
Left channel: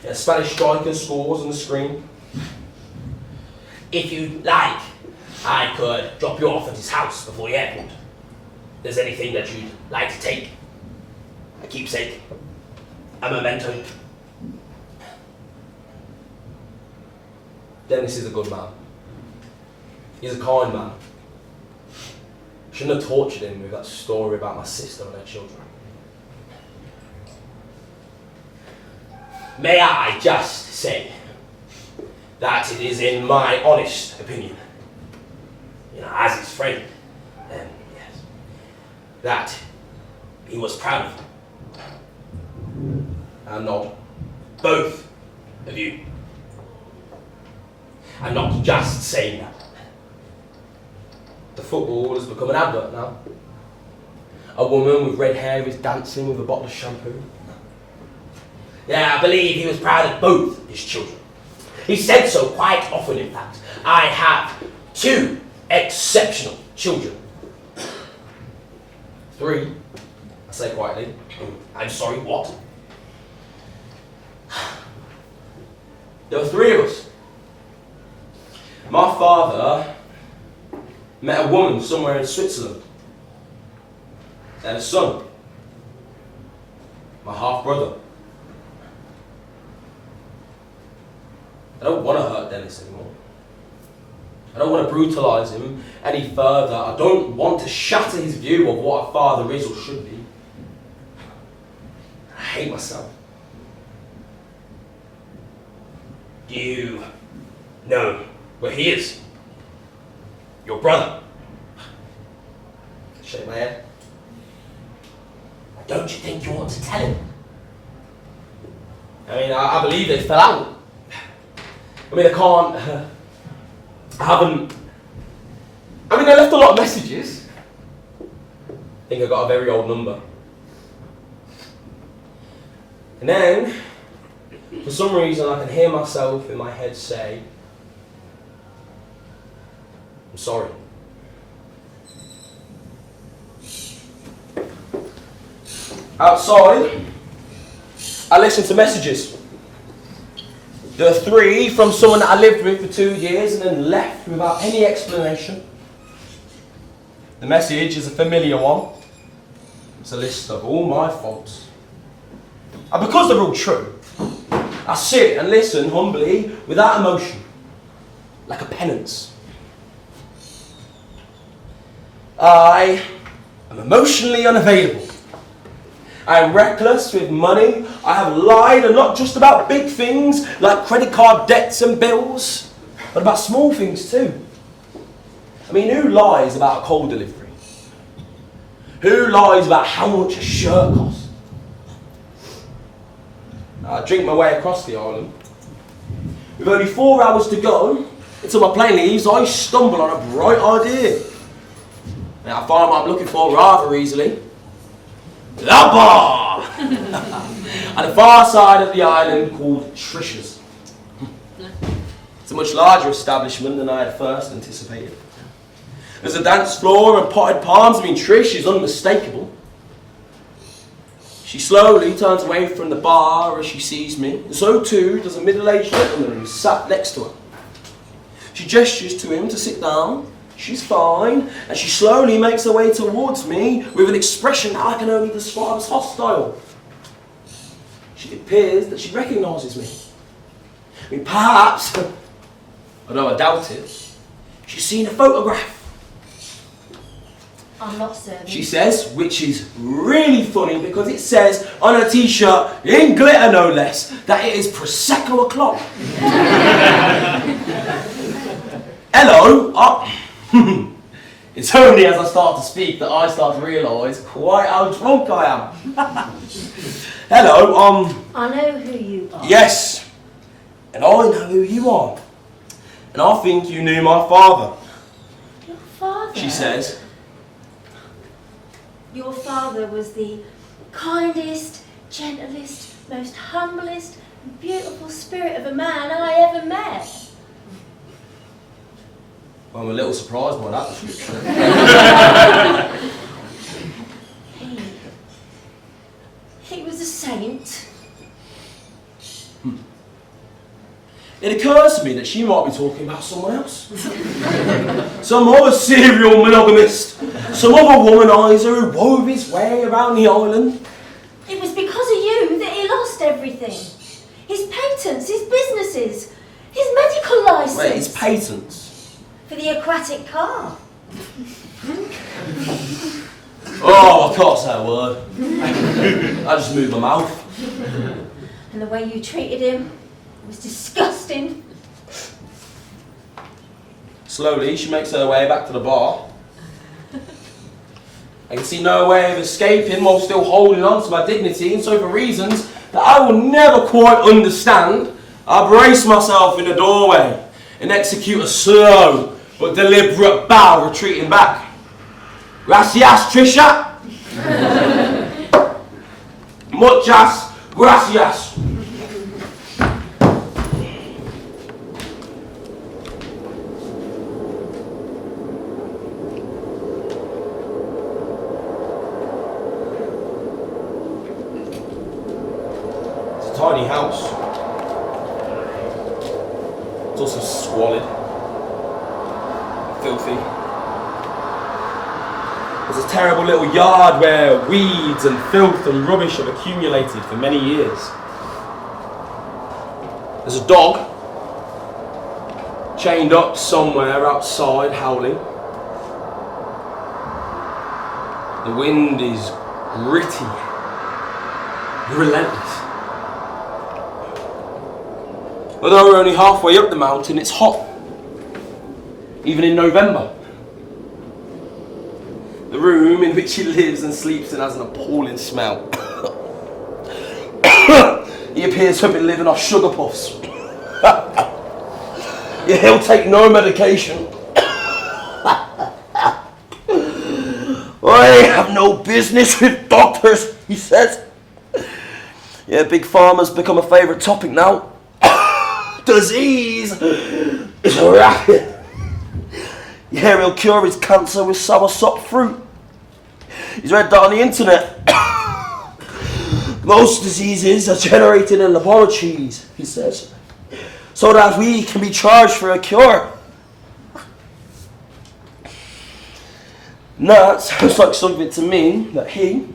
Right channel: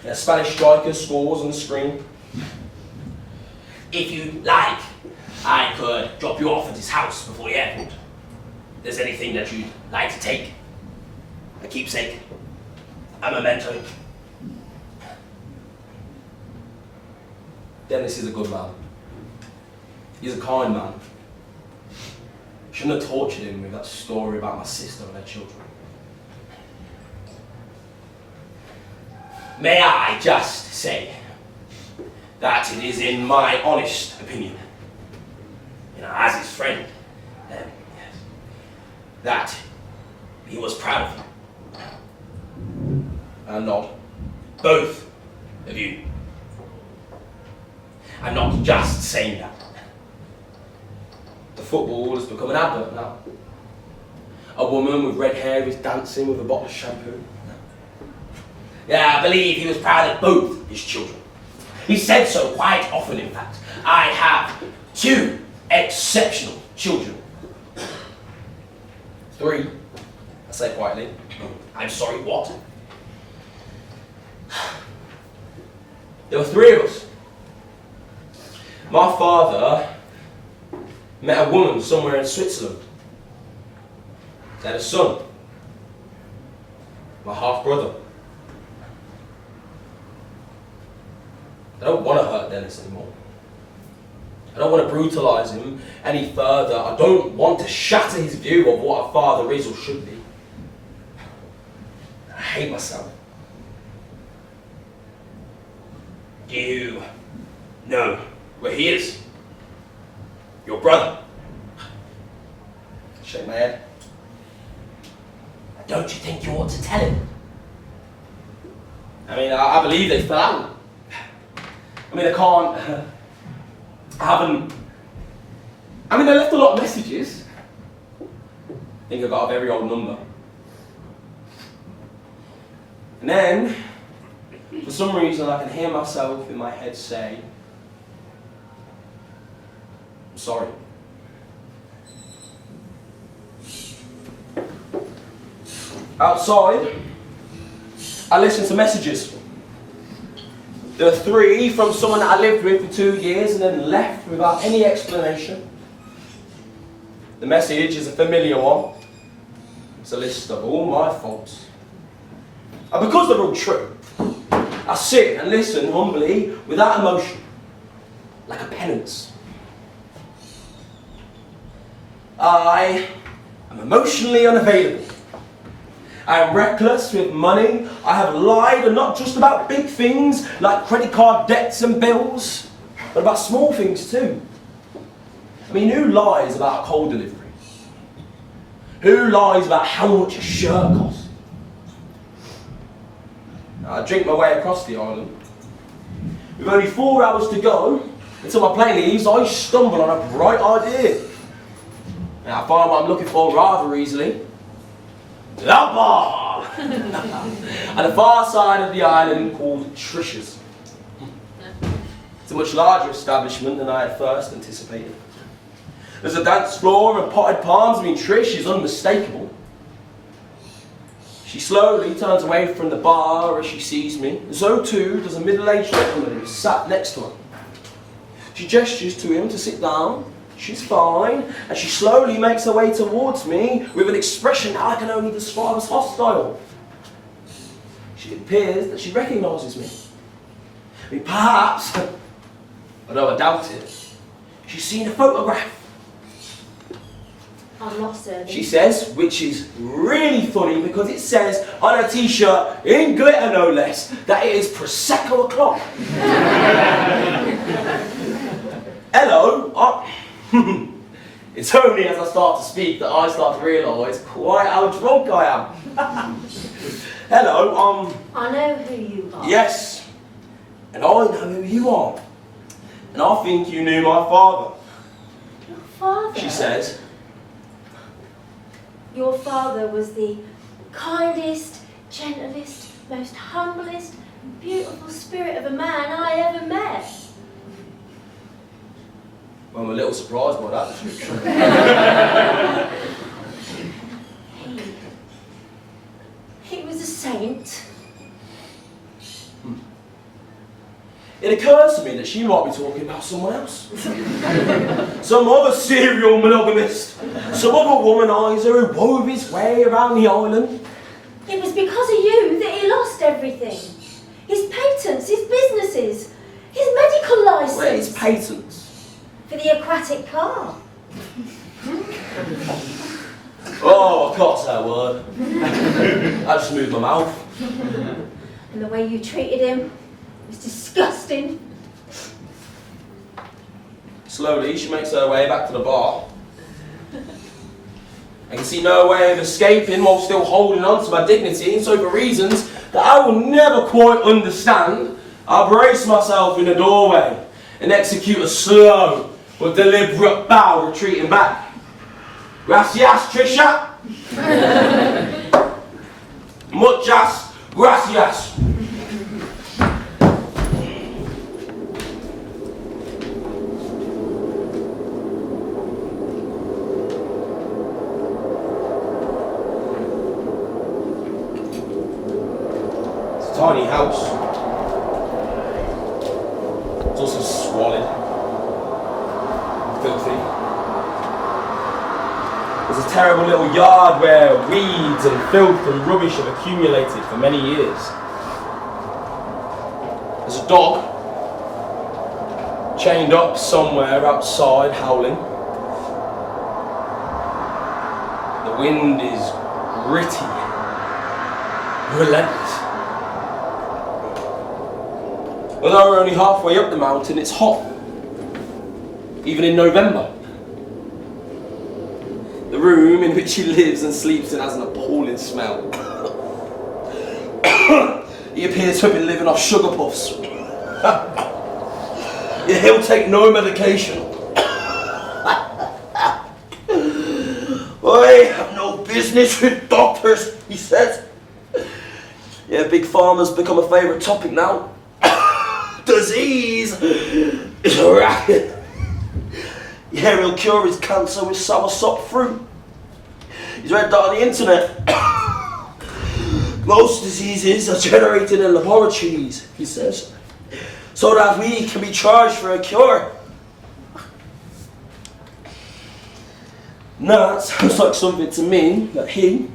A Spanish striker scores on the screen. If you'd like, I could drop you off at his house before the airport. If there's anything that you'd like to take. A keepsake. A memento. Dennis is a good man. He's a kind man. Shouldn't have tortured him with that story about my sister and her children. May I just say that it is in my honest opinion, as his friend, yes, that he was proud of you. And not both of you. I'm not just saying that. The football has become an advert now. A woman with red hair is dancing with a bottle of shampoo. Yeah, I believe he was proud of both his children. He said so quite often, in fact. I have 2 exceptional children. 3, I say quietly. I'm sorry, what? There were 3 of us. My father met a woman somewhere in Switzerland. They had a son. My half-brother. I don't want to hurt Dennis anymore. I don't want to brutalise him any further. I don't want to shatter his view of what a father is or should be. I hate myself. You know where he is. Your brother. I shake my head. Don't you think you ought to tell him? I mean, I believe they fell out. I mean, they left a lot of messages. I think I got a very old number. And then, for some reason, I can hear myself in my head say, I'm sorry. Outside, I listen to messages. There are 3 from someone that I lived with for 2 years and then left without any explanation. The message is a familiar one. It's a list of all my faults. And because they're all true, I sit and listen humbly without emotion, like a penance. I am emotionally unavailable. I am reckless with money. I have lied, and not just about big things like credit card debts and bills, but about small things too. I mean, who lies about a coal delivery? Who lies about how much a shirt costs? I drink my way across the island. With only 4 hours to go until my plane leaves, I stumble on a bright idea. Now, I find what I'm looking for rather easily. The bar! On the far side of the island called Trisha's. It's a much larger establishment than I had first anticipated. There's a dance floor and potted palms. I mean, Trish is unmistakable. She slowly turns away from the bar as she sees me. So too does a middle-aged gentleman who sat next to her. She gestures to him to sit down. She's fine, and she slowly makes her way towards me with an expression I can only describe as hostile. It appears that she recognises me. I mean, perhaps, although I doubt it, she's seen a photograph. I'm lost, sir. She says, which is really funny because it says on her t-shirt, in glitter no less, that it is Prosecco o'clock. Hello. It's only as I start to speak that I start to realise quite how drunk I am. Hello, I know who you are. Yes, and I know who you are. And I think you knew my father. Your father? She says. Your father was the kindest, gentlest, most humblest, beautiful spirit of a man I ever met. I'm a little surprised by that description. He was a saint. It occurs to me that she might be talking about someone else. Some other serial monogamist. Some other womanizer who wove his way around the island. It was because of you that he lost everything. His patents, his businesses, his medical licence. Wait, his patents? For the aquatic car. Oh, I can't say a word. I just moved my mouth. And the way you treated him was disgusting. Slowly, she makes her way back to the bar. I can see no way of escaping while still holding on to my dignity, and so for reasons that I will never quite understand, I brace myself in the doorway and execute a slow but deliberate bow, retreating back. Gracias, Trisha. Muchas gracias. It's a tiny house. It's also squalid, filthy. There's a terrible little yard where weeds and filth and rubbish have accumulated for many years. There's a dog chained up somewhere outside, howling. The wind is gritty, relentless. Although we're only halfway up the mountain, it's hot, even in November. The room in which he lives and sleeps in has an appalling smell. He appears to have been living off sugar puffs. Yeah, he'll take no medication. I have no business with doctors, he says. Yeah, big pharma's become a favourite topic now. Disease is a racket. Yeah, he'll cure his cancer with soursop fruit. He's read that on the internet. Most diseases are generated in laboratories, he says, so that we can be charged for a cure. Now, that sounds like something to me that he,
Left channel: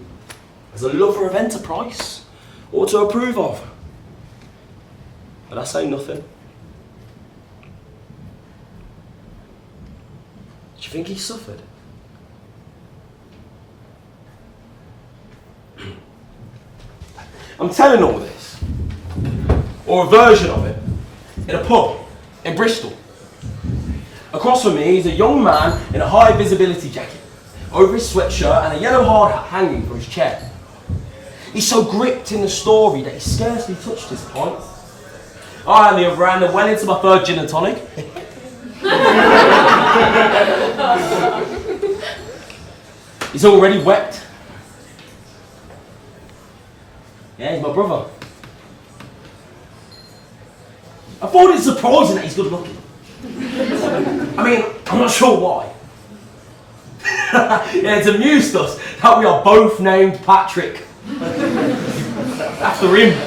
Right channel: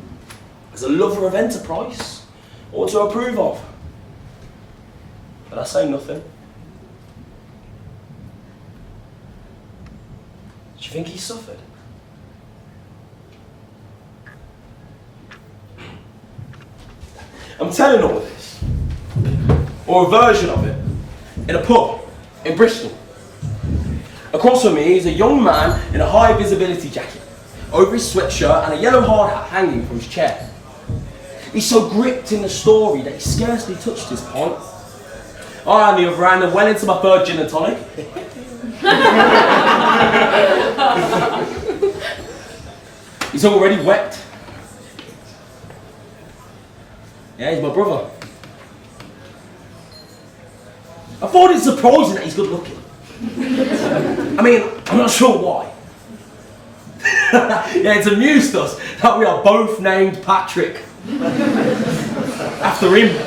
as a lover of enterprise, ought to approve of. But I say nothing. Do you think he suffered? I'm telling all this, or a version of it, in a pub in Bristol. Across from me is a young man in a high visibility jacket, over his sweatshirt and a yellow hard hat hanging from his chair. He's so gripped in the story that he scarcely touched his pint. I, on the other hand, went into my third gin and tonic. He's already wept. Yeah, he's my brother. I find it surprising that he's good looking. I mean, I'm not sure why. Yeah, it's amused us that we are both named Patrick. After him.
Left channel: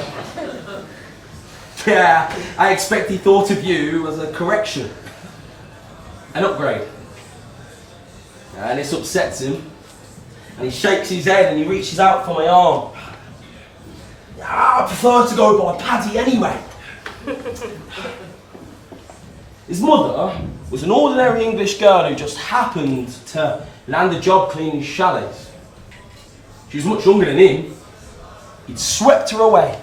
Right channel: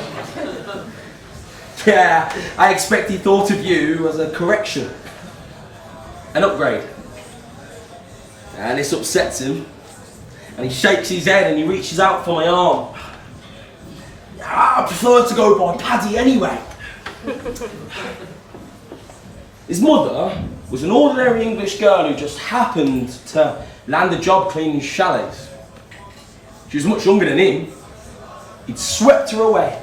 Yeah, I expect he thought of you as a correction. An upgrade. And this upsets him. And he shakes his head and he reaches out for my arm. I prefer to go by Paddy anyway. His mother was an ordinary English girl who just happened to land a job cleaning chalets. She was much younger than him. He'd swept her away.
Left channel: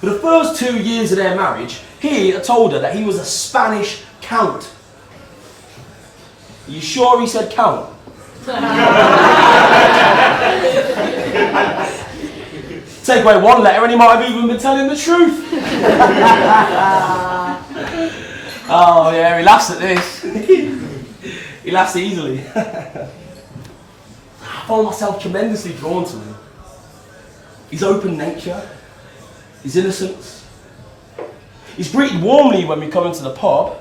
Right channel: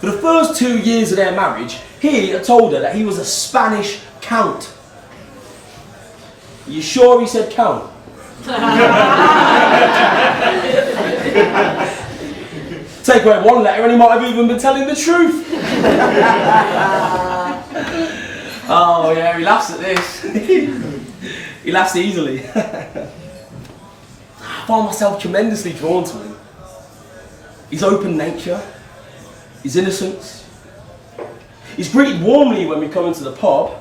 For the first 2 years of their marriage, he had told her that he was a Spanish count. Are you sure he said count? Take away one letter and he might have even been telling the truth. Oh yeah, he laughs at this. He laughs easily. I find myself tremendously drawn to him. His open nature, his innocence. He's greeted warmly when we come into the pub,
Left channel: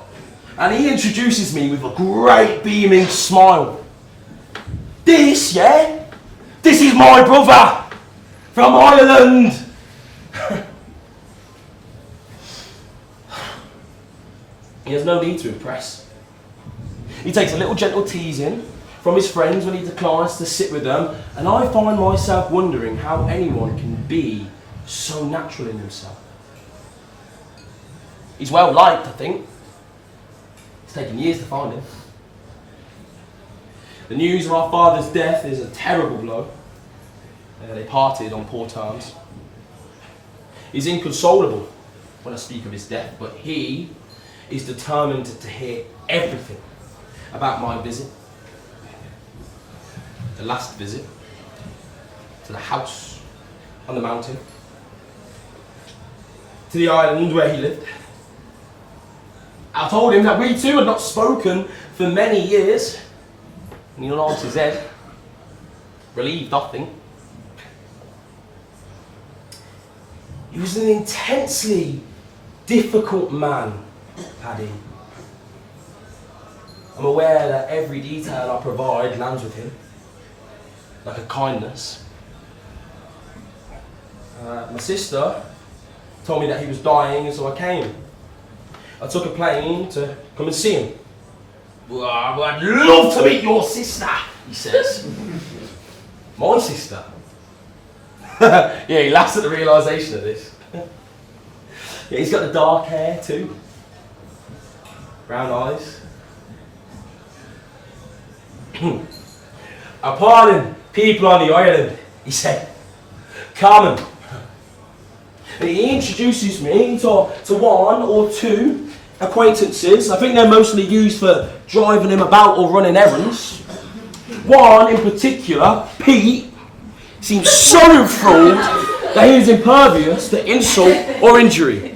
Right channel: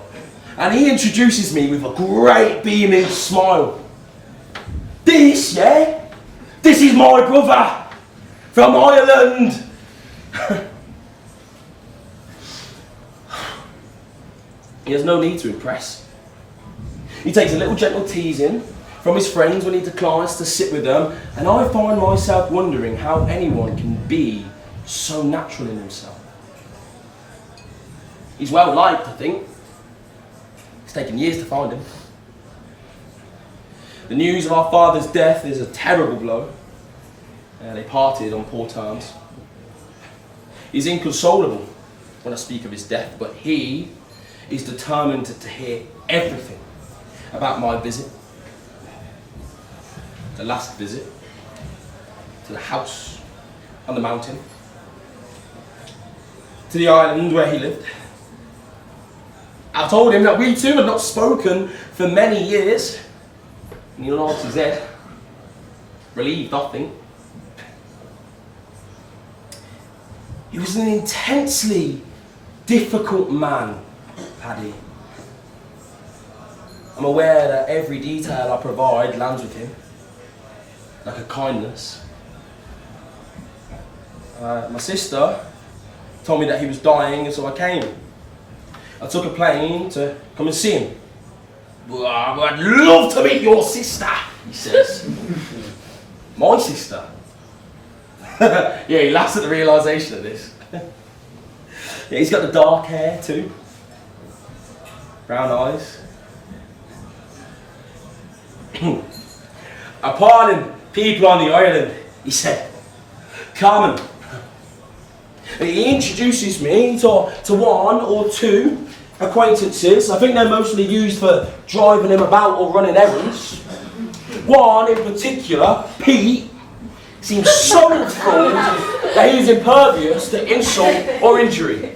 and he introduces me with a great beaming smile. This, yeah? This is my brother! From Ireland! He has no need to impress. He takes a little gentle teasing from his friends when he declines to sit with them, and I find myself wondering how anyone can be so natural in himself. He's well liked, I think. It's taken years to find him. The news of our father's death is a terrible blow. They parted on poor terms. He's inconsolable when I speak of his death, but he is determined to hear everything about my visit. The last visit to the house on the mountain, to the island where he lived. I told him that we two had not spoken for many years, and he nodded his head, relieved, I think. He was an intensely difficult man, Paddy. I'm aware that every detail I provide lands with him, like a kindness. My sister told me that he was dying, and so I came. I took a plane to come and see him. Well, I'd love to meet your sister, he says. My sister? Yeah, he laughs at the realisation of this. Yeah, he's got the dark hair too. Brown eyes. Appalling people on the island, he said. Carmen. He introduces me to one or two acquaintances. I think they're mostly used for driving him about or running errands. One in particular, Pete, seems so enthralled that he is impervious to insult or injury.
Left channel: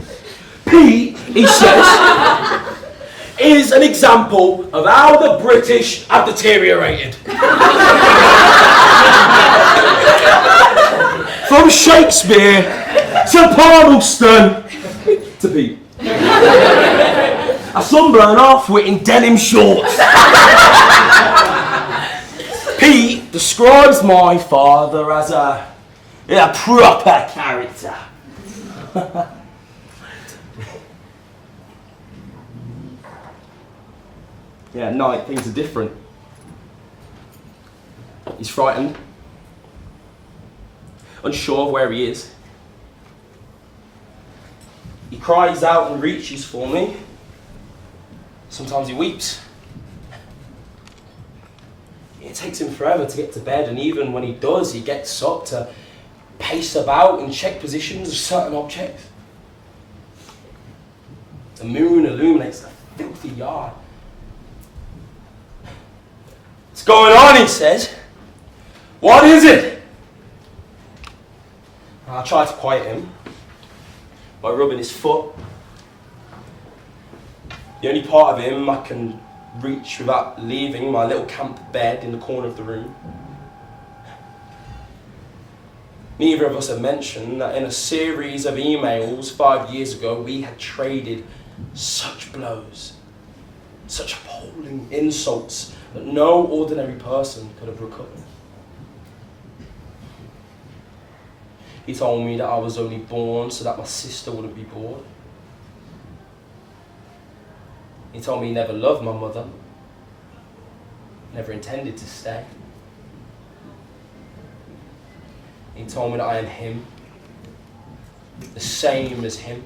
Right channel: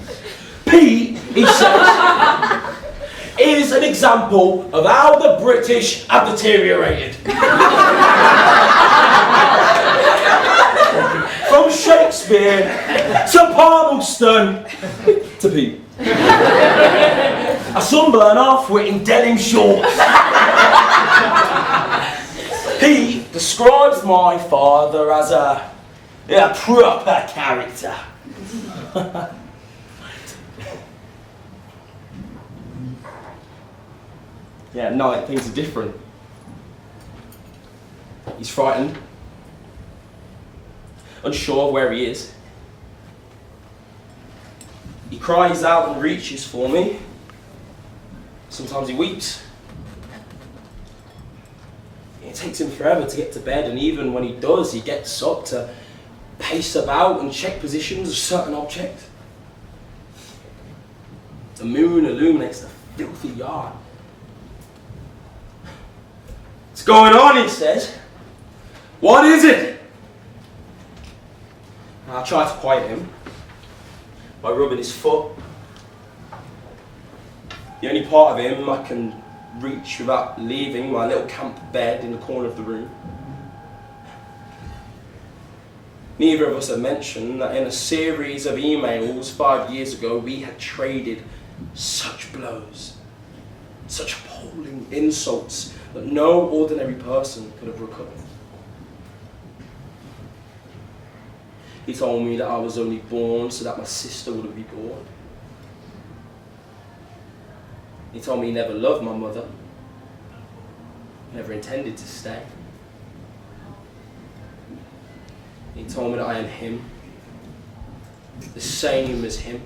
Pete, he says, is an example of how the British have deteriorated. From Shakespeare to Palmerston to Pete. A sunburn half-wit in denim shorts. Pete describes my father as a proper character. Yeah, at night things are different. He's frightened, unsure of where he is. He cries out and reaches for me. Sometimes he weeps. It takes him forever to get to bed, and even when he does, he gets up to pace about and check positions of certain objects. The moon illuminates the filthy yard. What's going on, he says. What is it? And I try to quiet him by rubbing his foot. The only part of him I can reach without leaving my little camp bed in the corner of the room. Neither of us have mentioned that in a series of emails 5 years ago, we had traded such blows, such appalling insults that no ordinary person could have recovered. He told me that I was only born so that my sister wouldn't be born. He told me he never loved my mother, never intended to stay. He told me that I am him, the same as him,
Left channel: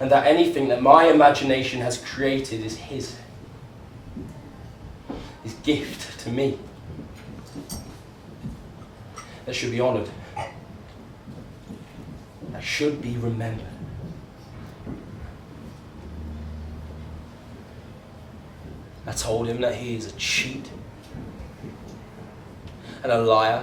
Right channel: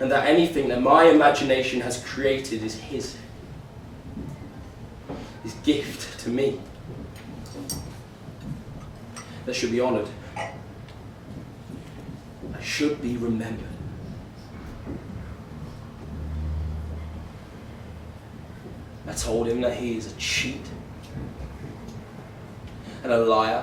and that anything that my imagination has created is his gift to me, that should be honoured, that should be remembered. I told him that he is a cheat and a liar.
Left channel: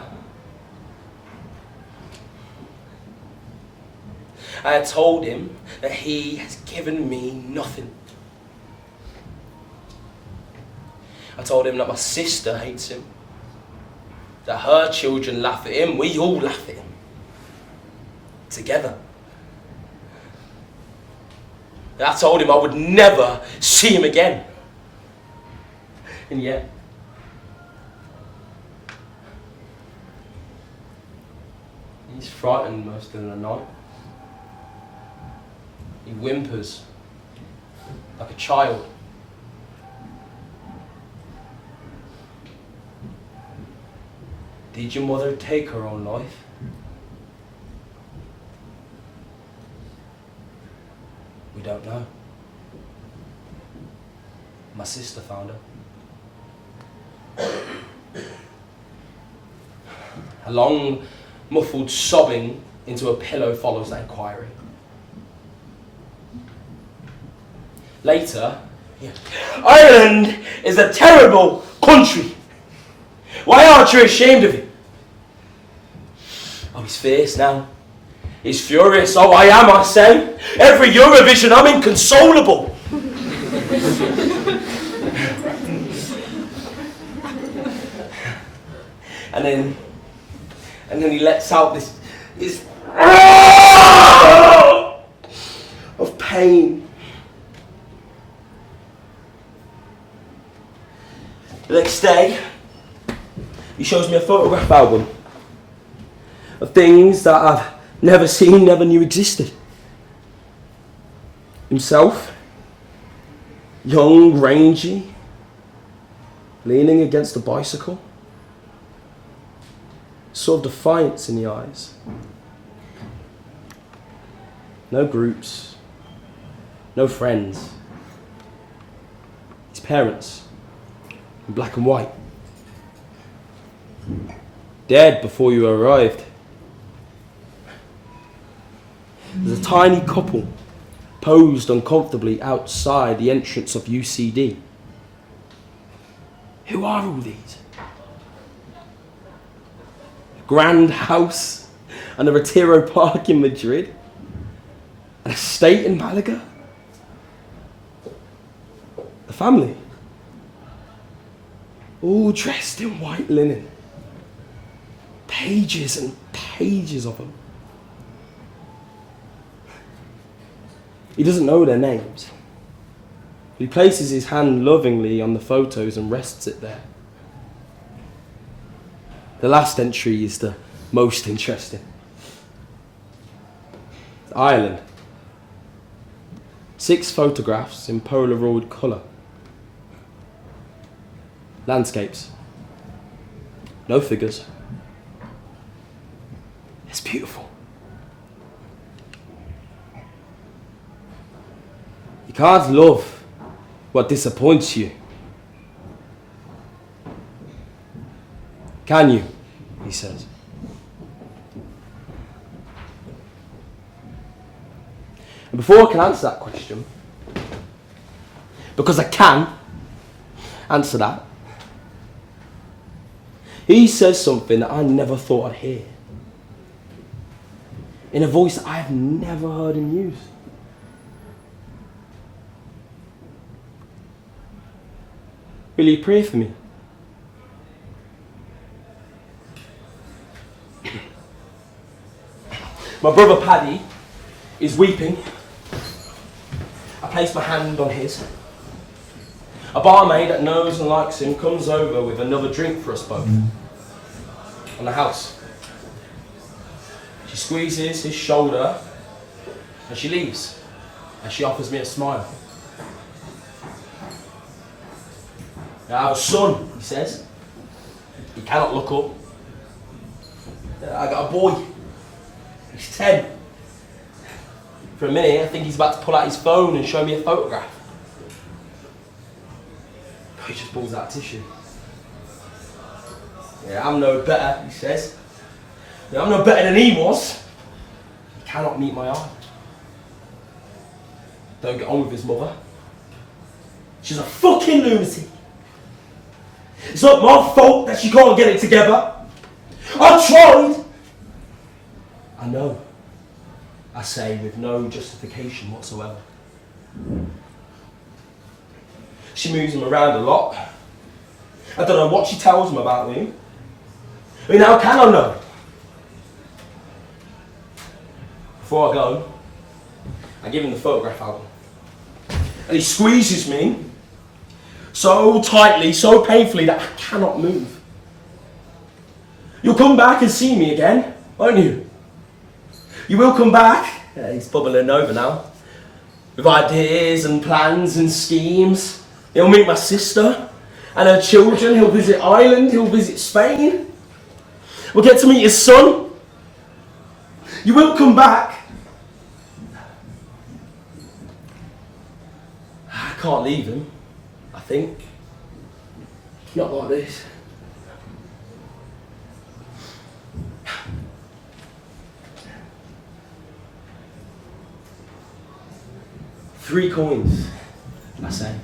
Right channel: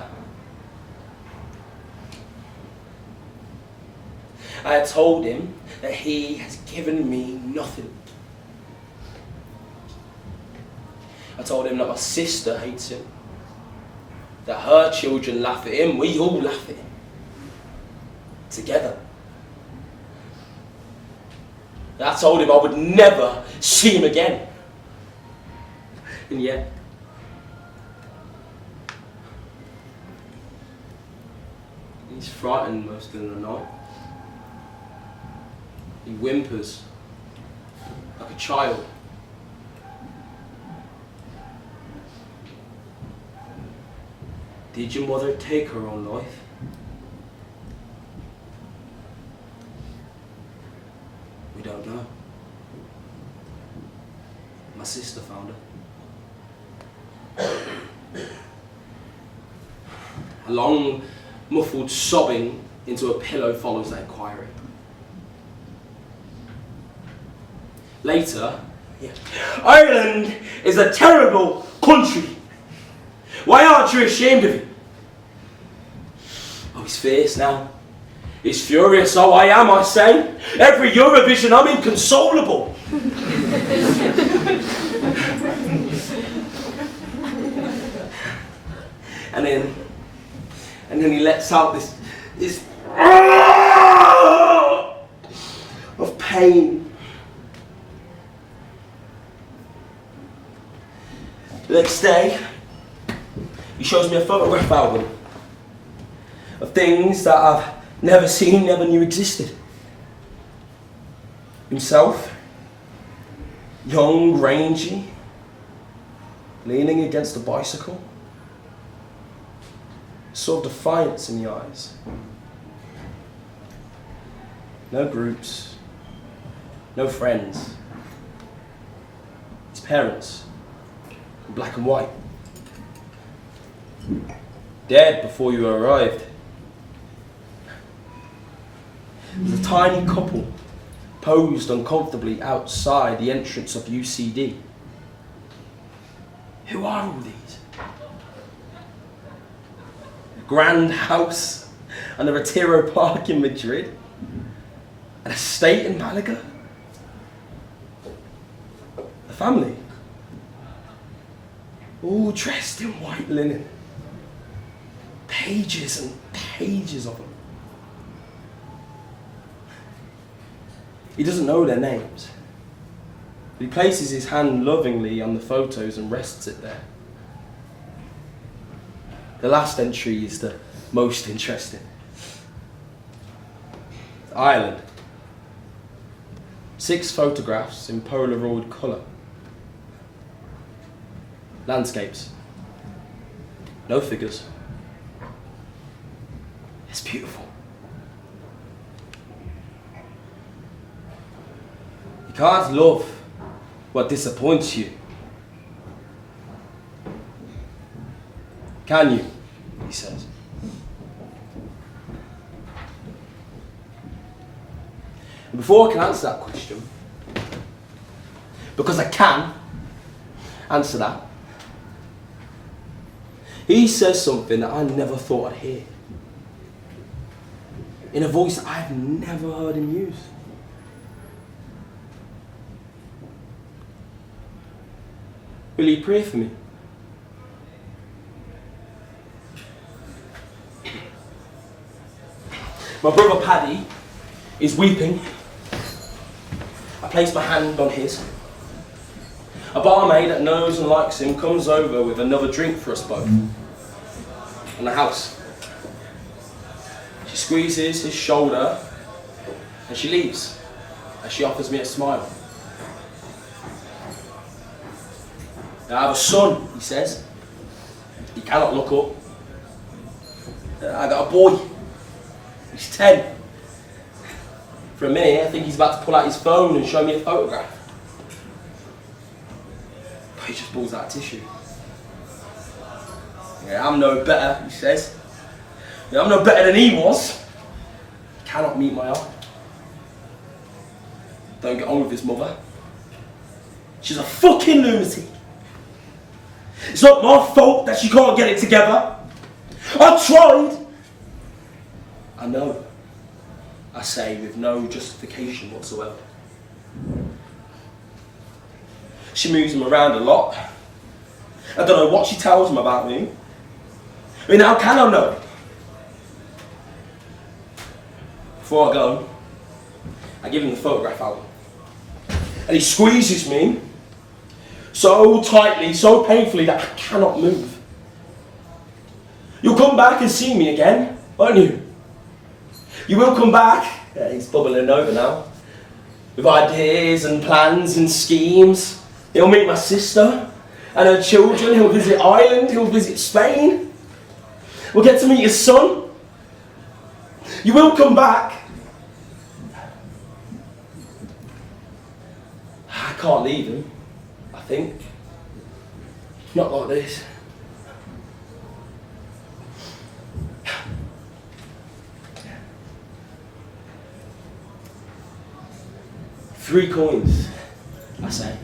I had told him that he has given me nothing. I told him that my sister hates him, that her children laugh at him, we all laugh at him, together. I told him I would never see him again. And yet, he's frightened most of the night. He whimpers like a child. Did your mother take her own life? We don't know. My sister found her. A long, muffled sobbing into a pillow follows that inquiry. Later, Ireland is a terrible country. Why aren't you ashamed of it? Oh, he's fierce now. He's furious. Oh, I am, I say. Every Eurovision, I'm inconsolable. And then he lets out this of pain. The next day, he shows me a photograph album of things that I've never seen, never knew existed. Himself, young, rangy, leaning against a bicycle. Saw defiance in the eyes. No groups, no friends. His parents, in black and white. Dead before you arrived. There's a tiny couple posed uncomfortably outside the entrance of UCD. Who are all these? Grand house and a Retiro Park in Madrid, an estate in Malaga. The family, all dressed in white linen, pages and pages of them. He doesn't know their names, but he places his hand lovingly on the photos and rests it there. The last entry is the most interesting. Ireland. 6 photographs in Polaroid colour. Landscapes. No figures. It's beautiful. You can't love what disappoints you. Can you? He says. And before I can answer that question, because I can answer that, he says something that I never thought I'd hear. In a voice that I've never heard him use. Will you pray for me? My brother Paddy is weeping. I place my hand on his. A barmaid that knows and likes him comes over with another drink for us both. On the house. She squeezes his shoulder and she leaves. And she offers me a smile. I have a son, he says. He cannot look up. I got a boy. He's 10. For a minute, I think he's about to pull out his phone and show me a photograph. But he just pulls out a tissue. Yeah, I'm no better, he says. Yeah, I'm no better than he was. He cannot meet my eye. Don't get on with his mother. She's a fucking lunatic. It's not my fault that she can't get it together. I tried. I know, I say with no justification whatsoever. She moves him around a lot. I don't know what she tells him about me. I mean, how can I know? Before I go, I give him the photograph album. And he squeezes me so tightly, so painfully that I cannot move. You'll come back and see me again, won't you? You will come back. Yeah, he's bubbling over now. With ideas and plans and schemes. He'll meet my sister and her children. He'll visit Ireland. He'll visit Spain. We'll get to meet his son. You will come back. I can't leave him, I think. Not like this. $3 coins, I say.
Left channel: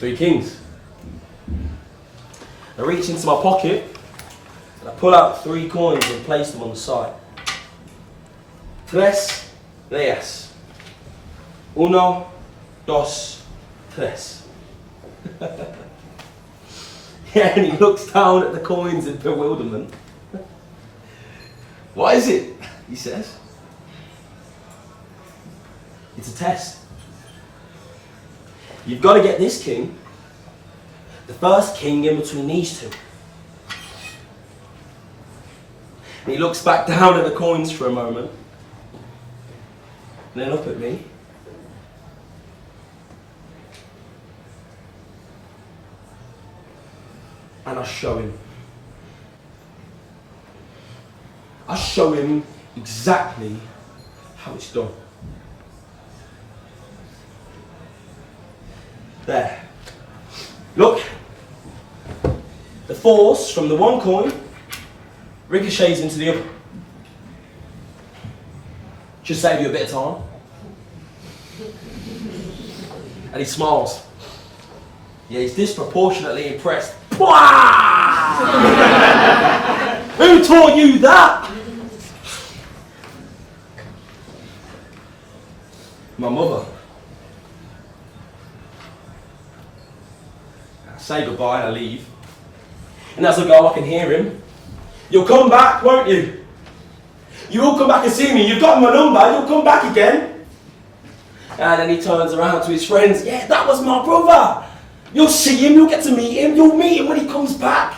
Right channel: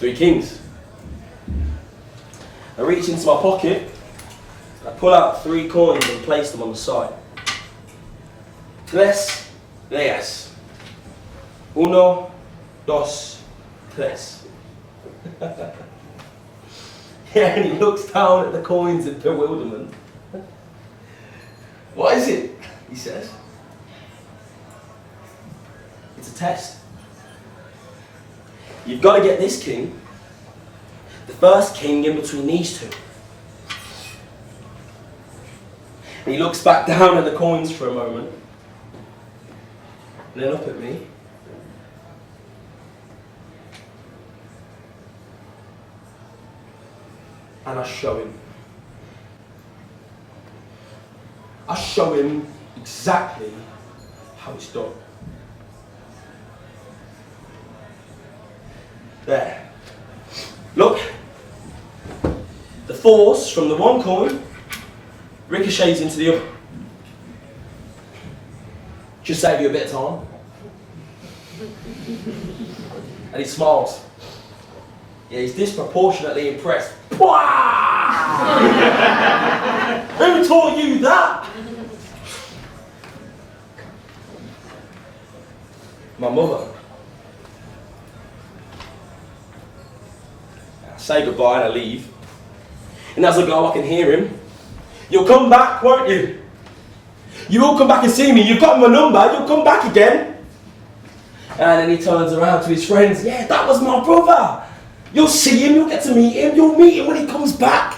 3 kings. I reach into my pocket, and I pull out 3 coins and place them on the side. 3 reyes. 1, 2, 3. Yeah, and he looks down at the coins in bewilderment. What is it? He says. It's a test. You've got to get this king, the first king in between these 2. And he looks back down at the coins for a moment, and then up at me. And I show him. I show him exactly how it's done. There. Look. The force from the 1 coin ricochets into the other. Just save you a bit of time. And he smiles. Yeah, he's disproportionately impressed. Who taught you that? My mother. I say goodbye and I leave. And as I go, I can hear him. You'll come back, won't you? You will come back and see me. You've got my number. You'll come back again. And then he turns around to his friends. Yeah, that was my brother. You'll see him. You'll get to meet him. You'll meet him when he comes back.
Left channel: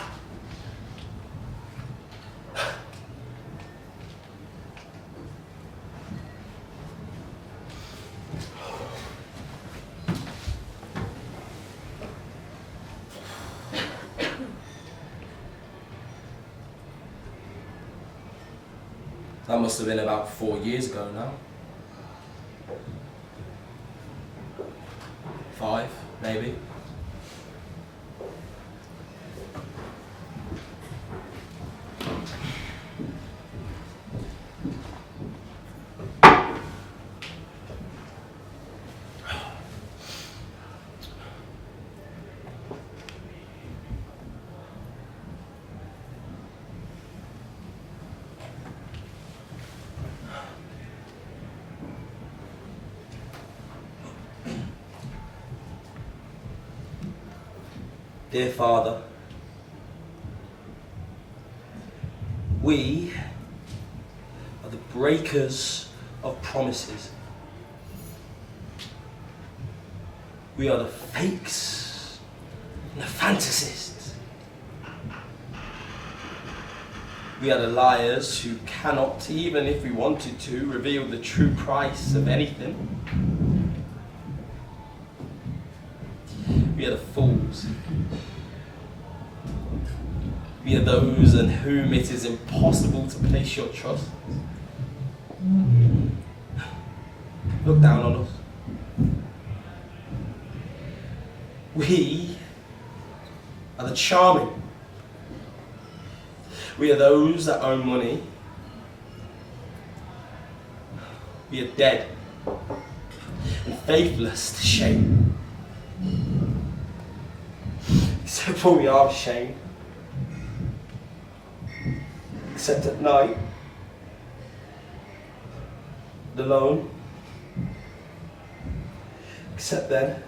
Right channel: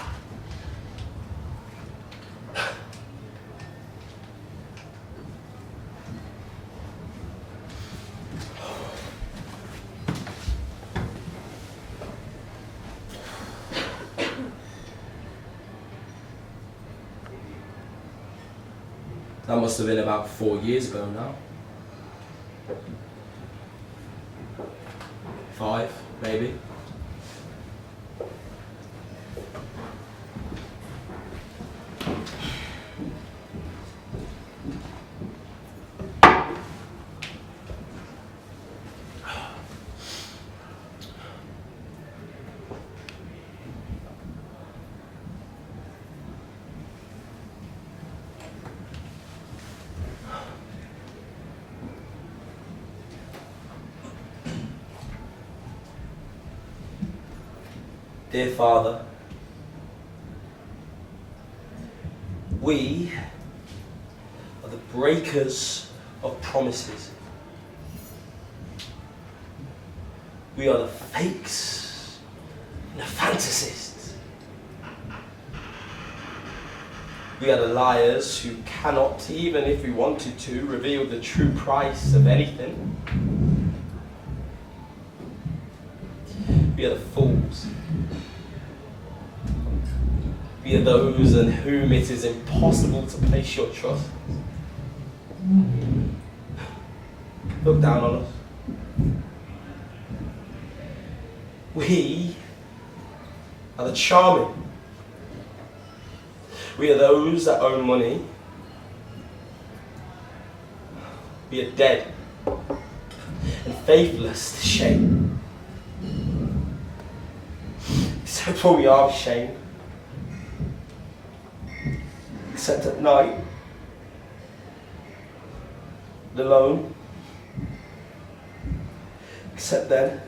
That must have been about 4 years ago now. 5, maybe. Dear Father, we are the breakers of promises. We are the fakes, the fantasists. We are the liars who cannot, even if we wanted to, reveal the true price of anything. We are the fools. We are those in whom it is impossible to place your trust. Look down on us. We are the charming. We are those that own money. We are dead and faithless to shame. Except for we are ashamed. Except at night, alone. Except then.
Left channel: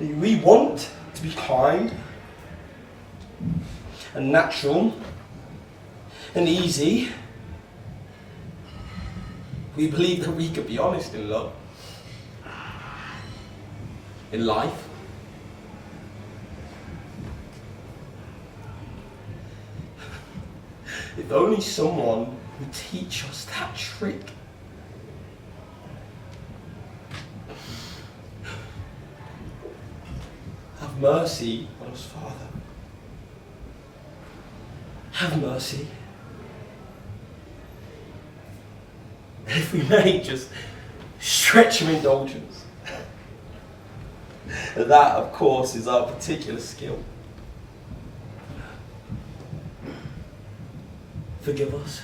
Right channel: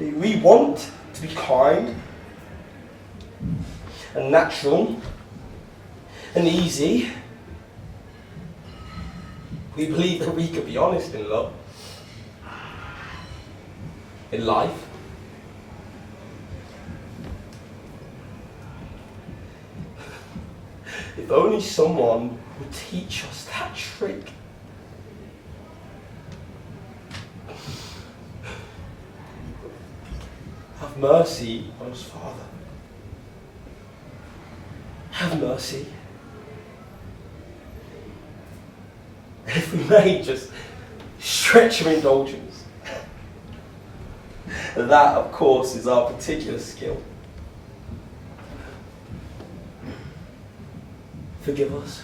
We want to be kind and natural and easy. We believe that we could be honest in love, in life. If only someone would teach us that trick. Have mercy on us, Father. Have mercy. If we may just stretch your indulgence. That, of course, is our particular skill. Forgive us.